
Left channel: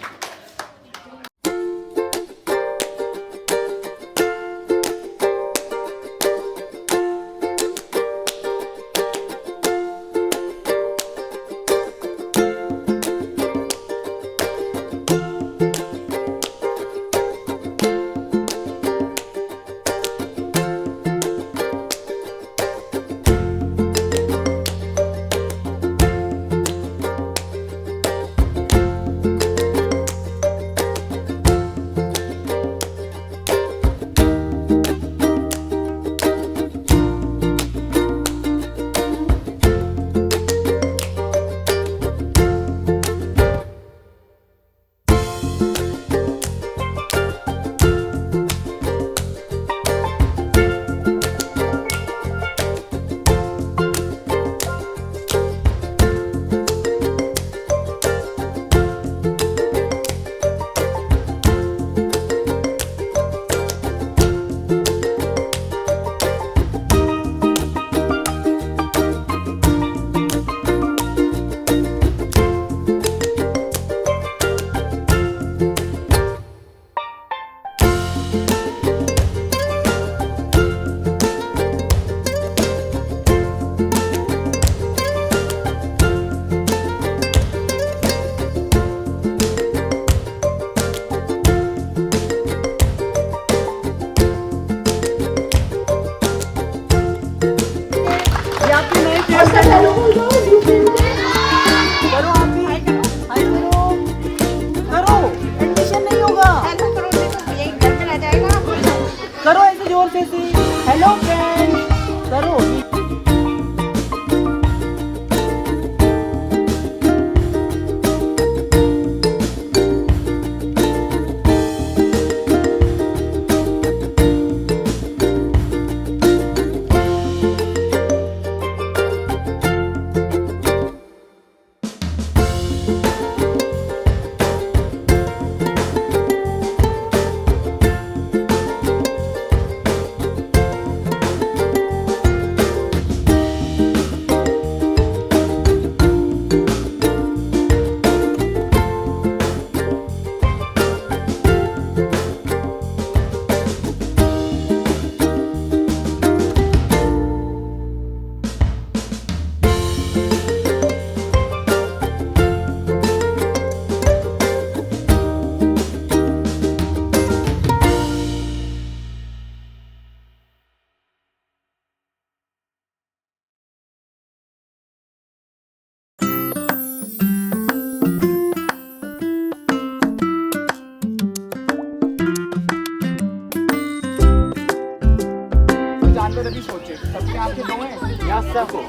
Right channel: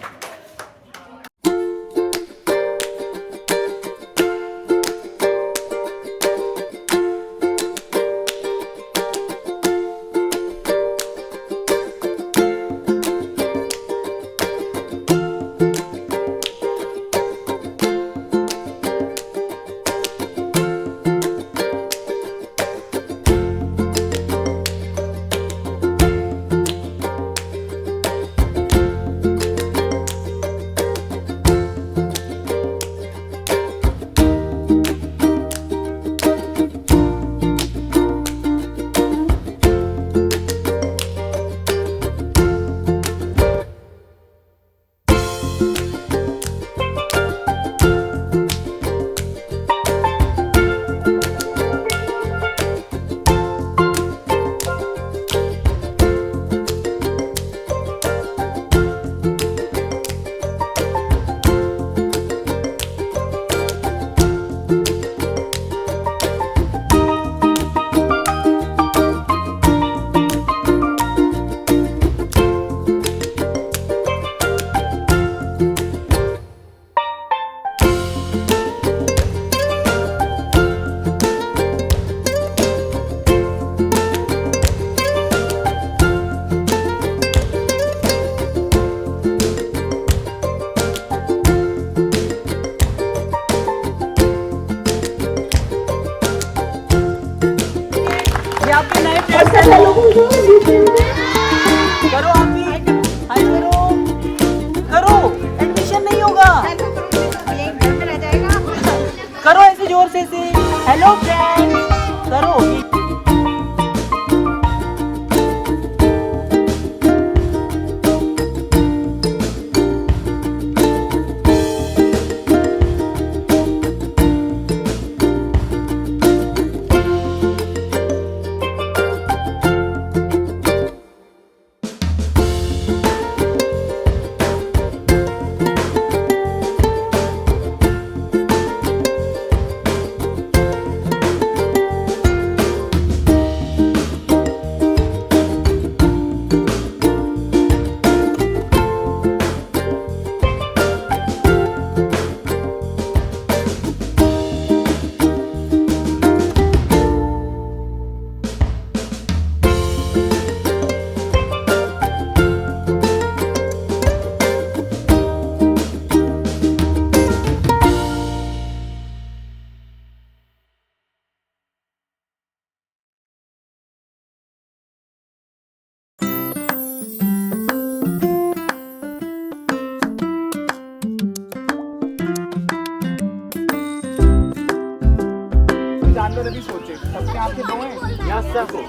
जानवर अभी सोचे सबके आंखें दो हैं या सबको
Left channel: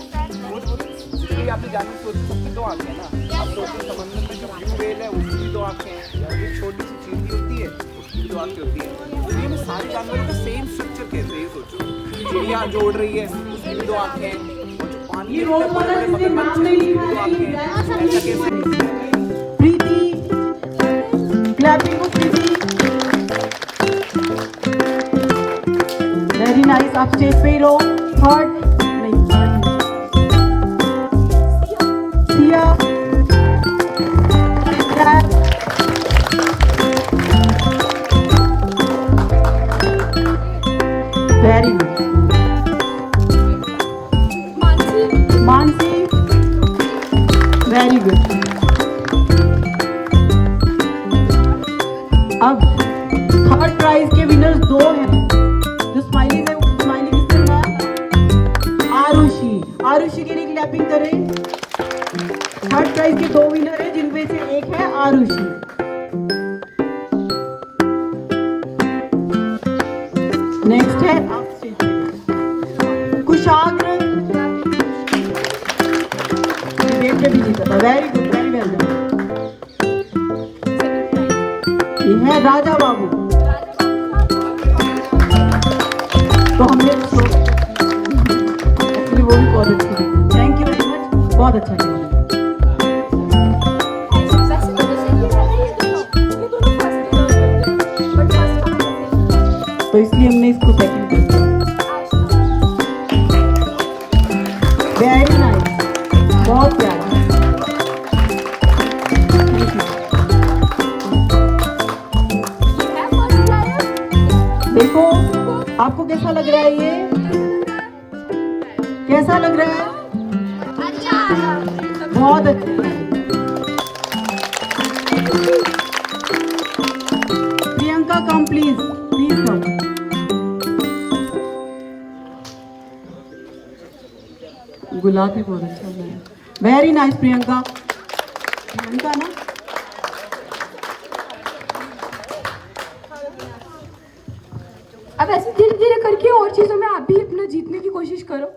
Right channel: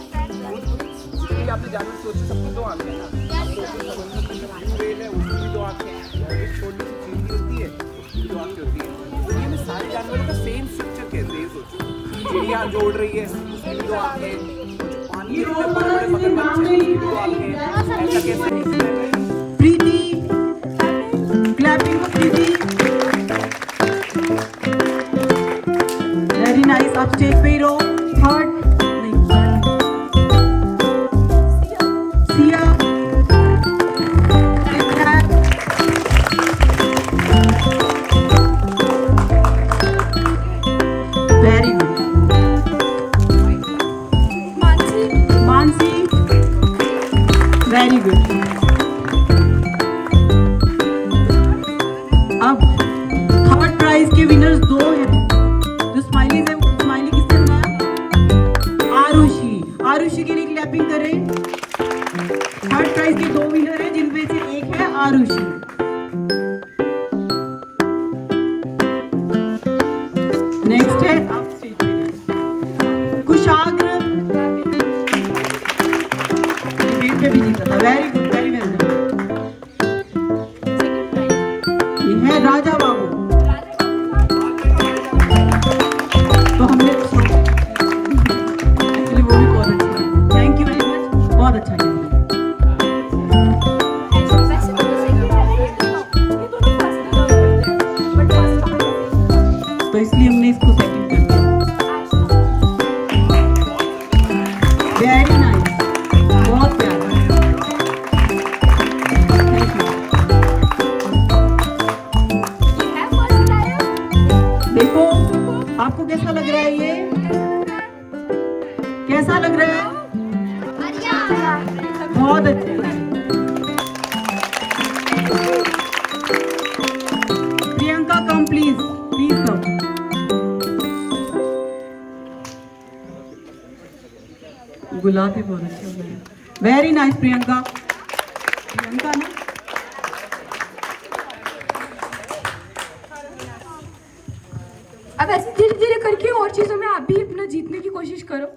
इसलिए आपने जानवर सोचे सबके दो आंखें हैं ना। आप सोचे समंदर में जो ब्लू व्हेल है उसकी भी दो आंखें हैं, एक छोटी सी चींटी होती है उसकी भी दो आंखें होती है। दुनिया में सारे जानवरों का सेम स्ट्रक्चर कैसे है सोचो। चिड़िया जो उड़ रही है उसकी भी दो आंखें हैं, और जो पानी ये में रोल बड़े बड़े मॉडल मगरमच्छ हैं उसकी भी दो आंखें हैं। ऐसा कैसे? Preeti clapping for Preeti. Very nice. आप स्टेज पे ही रहो। Third Siya. Very good. Mansi very good. अब थर्ड प्राइज के विनर्स दो हैं। जो स्माइली है स्माइली किससे हुआ? आरुषि। आरुषि के लिए क्लैपिंग करें। थर्ड प्राइज के दो विनर हैं जिनमें से एक है आरुषि। नेक्स्ट है कुशाग्र। देखते भी नहीं पता। Very good very well. ये है राजा बाबू। तो हम लोग एक्चुअली वो भी बहुत अच्छा। Thank you very much. बहुत अच्छा लगा। तो इसलिए हमने इसको सेकंड किया। बहुत अच्छा। Priyanka come please, please come. Gulab भी बहुत अच्छा लगा। Very nice Priyanka. प्रियंका ना अब ऐसे धीरे धीरे करके और चीजों में आप भी अपना जीतने की कोशिश करो।